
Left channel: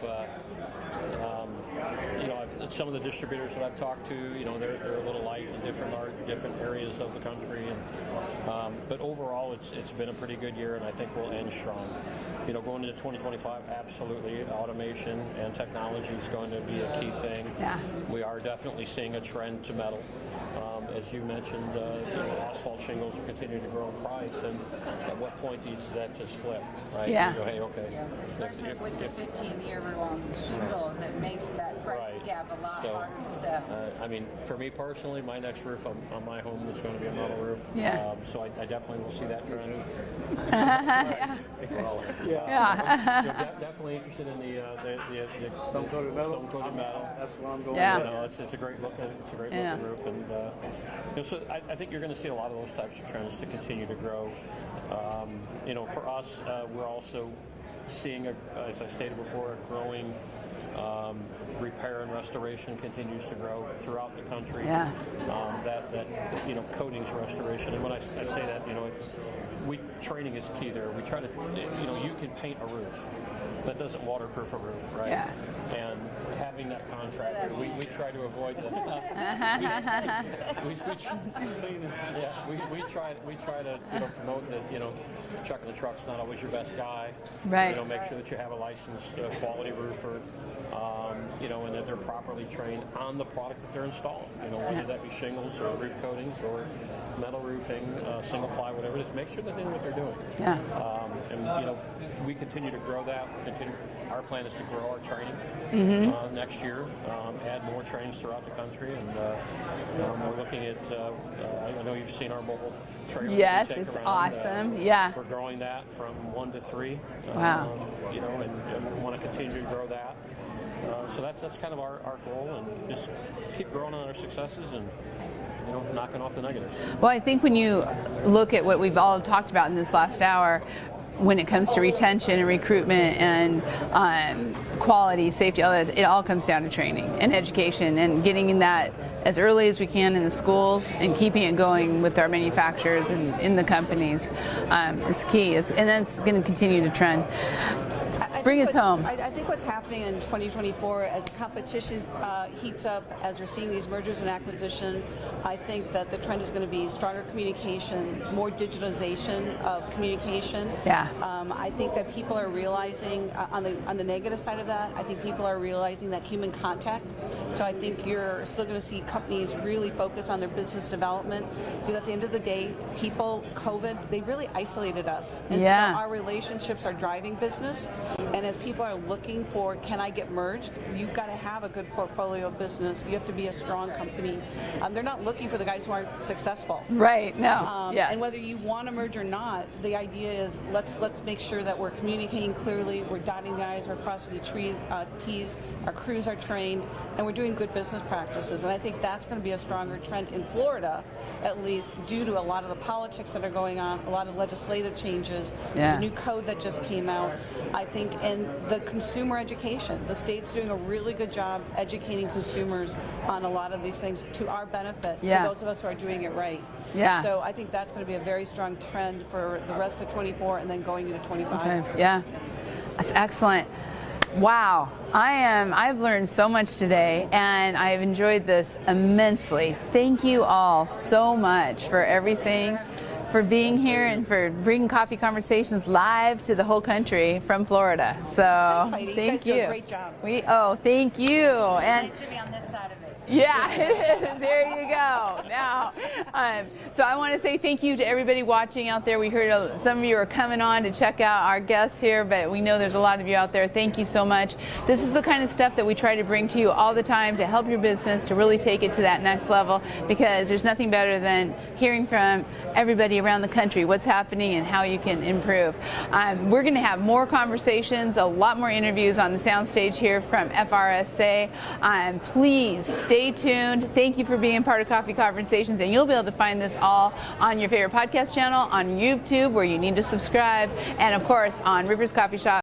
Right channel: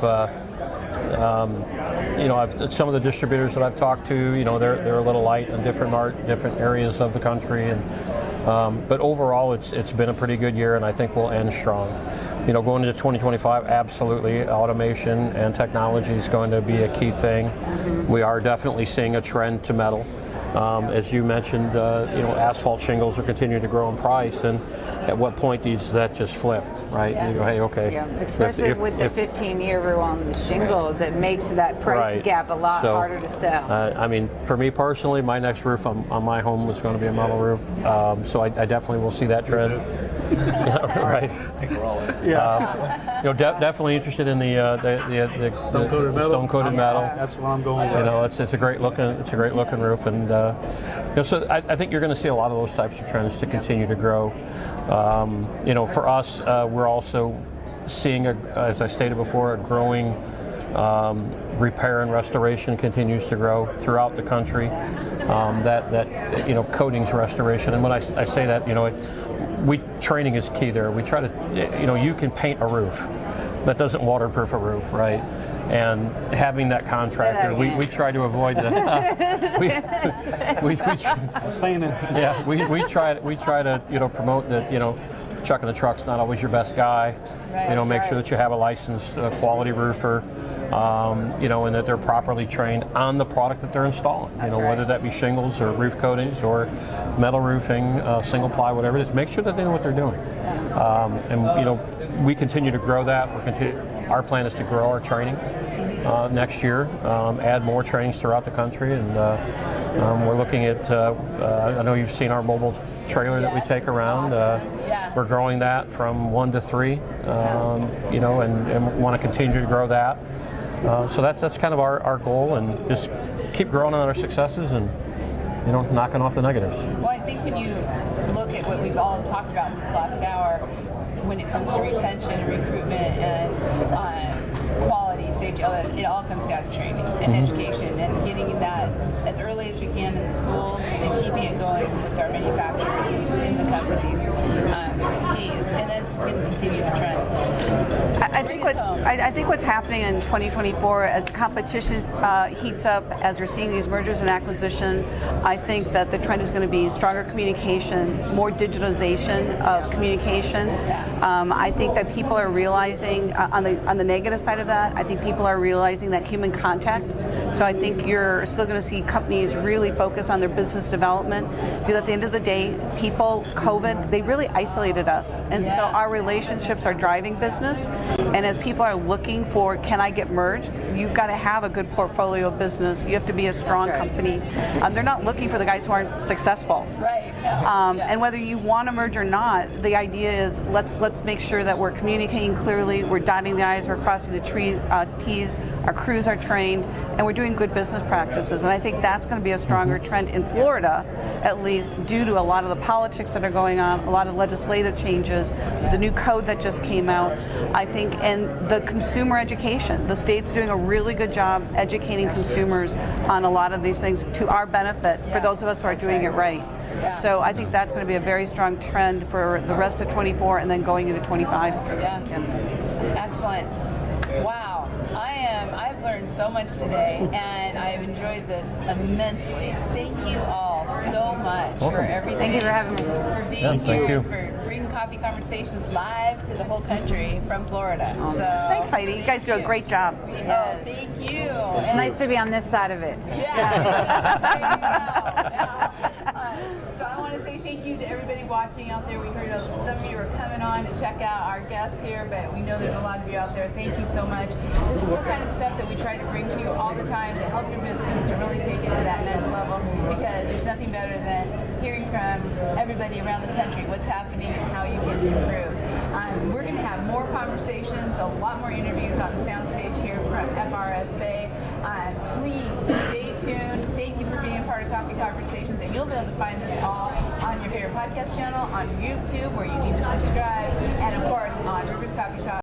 some of the distributors that I've talked to, they're a little light in different areas of the country, and but overall it's been a pretty good year, and I think we'll end strong. Going into 2025, absolutely, automation and technology is going to be a key thing. We are definitely seeing a trend to metal. As you mentioned, asphalt shingles are continuing to grow in price, and at what point does that just flip, right? Hey, okay. Especially with the 15-year rule on the shingles, it makes that price gap a lot harder to sell. I mean, for me personally, my next roof on my home is going to be a metal roof, so I definitely will see that trend. Right. I think we're all in. Definitely interested in the stone-coated metal. That's where I'm going. It's a great looking roof, and so I think you're going to see a lot of those types of trends to continue to grow. For us, we're also seeing, as I stated before, a growing repair and restoration continues to grow throughout the country. Coatings restoration, and when I say that, training is key there. We try to, you can paint a roof. That doesn't waterproof a roof, right? and having that contractor, we try to avoid that. we Saying it. yeah, we try to promote that chucking the truck's not always your best guy. Right. Make sure that you have a licensed quality roofer. And that they're properly trained on the product that they're installing. Whether that be shingles or roof coatings or metal roofing, single ply, whatever it is, make sure that they know what they're doing. And we continue to grow that. Our plan is to grow our training next year, add more trainings throughout the country, and we're looking at. I know you've seen our mobile trailer that we take around. Awesome. We're growing that from 1 to 3. Wow. And want to continue to grow that. So that's kind of our goal, and just keep growing on our successes and knocking off the negatives. Well, I think when you look at what we've all talked about in this last hour, when it comes to retention and recruitment and quality, safety, it all comes down to training and education and getting that as early as we can in the schools and keeping it going with our manufacturers and in the companies is key. And that's going to continue to trend. Bring us home. I think what's happening in 2024 as competition heats up, as we're seeing these mergers and acquisitions, I think that the trend is going to be stronger communication, more digitalization of communication. Yeah. I think that people are realizing on the negative side of that, I think people are realizing that human contact. So I think you're still going to see companies really focus on their business development, because at the end of the day, COVID, they really isolated us. And so our relationships are driving business. And as people are looking for, can I get merged? You've got to have a good portfolio of business. You have to be a strong company. They're not looking for the guys who aren't successful. Right. No. And whether you want to merge or not, the idea is let's make sure that we're communicating clearly, we're dotting the I's, we're crossing the T's, our crews are trained, and we're doing good business practices. And I think that's going to be a stronger trend in Florida, at least due to a lot of the politics that are going on, a lot of legislative changes, the new code that just came out, I think, and the consumer education. The state's doing a really good job educating consumers on a lot of these things to our benefit, for those of us who are doing it right. Yeah. So I think that's going to be a very strong trend for the rest of 24 and then going into 25. Yeah. That's excellent. Wow, I've learned so much today, and I have enjoyed this immensely. Thank you all so much for everything. Thank you for having me. For being here and for bringing Coffee Conversations live to the whole country from Florida. So Thanks, Heidi. You guys do a great job. Thank you. It's nice to be on this side of it. Yeah, there you go. Now, so I want to say thank you to everybody watching out there. We heard some of you are coming on to check out our guests here, but we know there's a lot of you out there. Thank you so much. This is the kind of stuff that we try to bring to you all the time to help your business to really take it to that next level, because there's nothing better than hearing from everybody around the country what's happening and how you can improve. We're going to have more conversations, a lot more interviews on the soundstage here from FRSA. Please stay tuned. Thank you for being part of Coffee Conversations, and you'll be able to find this all on your favorite podcast channel, on YouTube where you need to subscribe, and of course on Rivers Coffee Shop.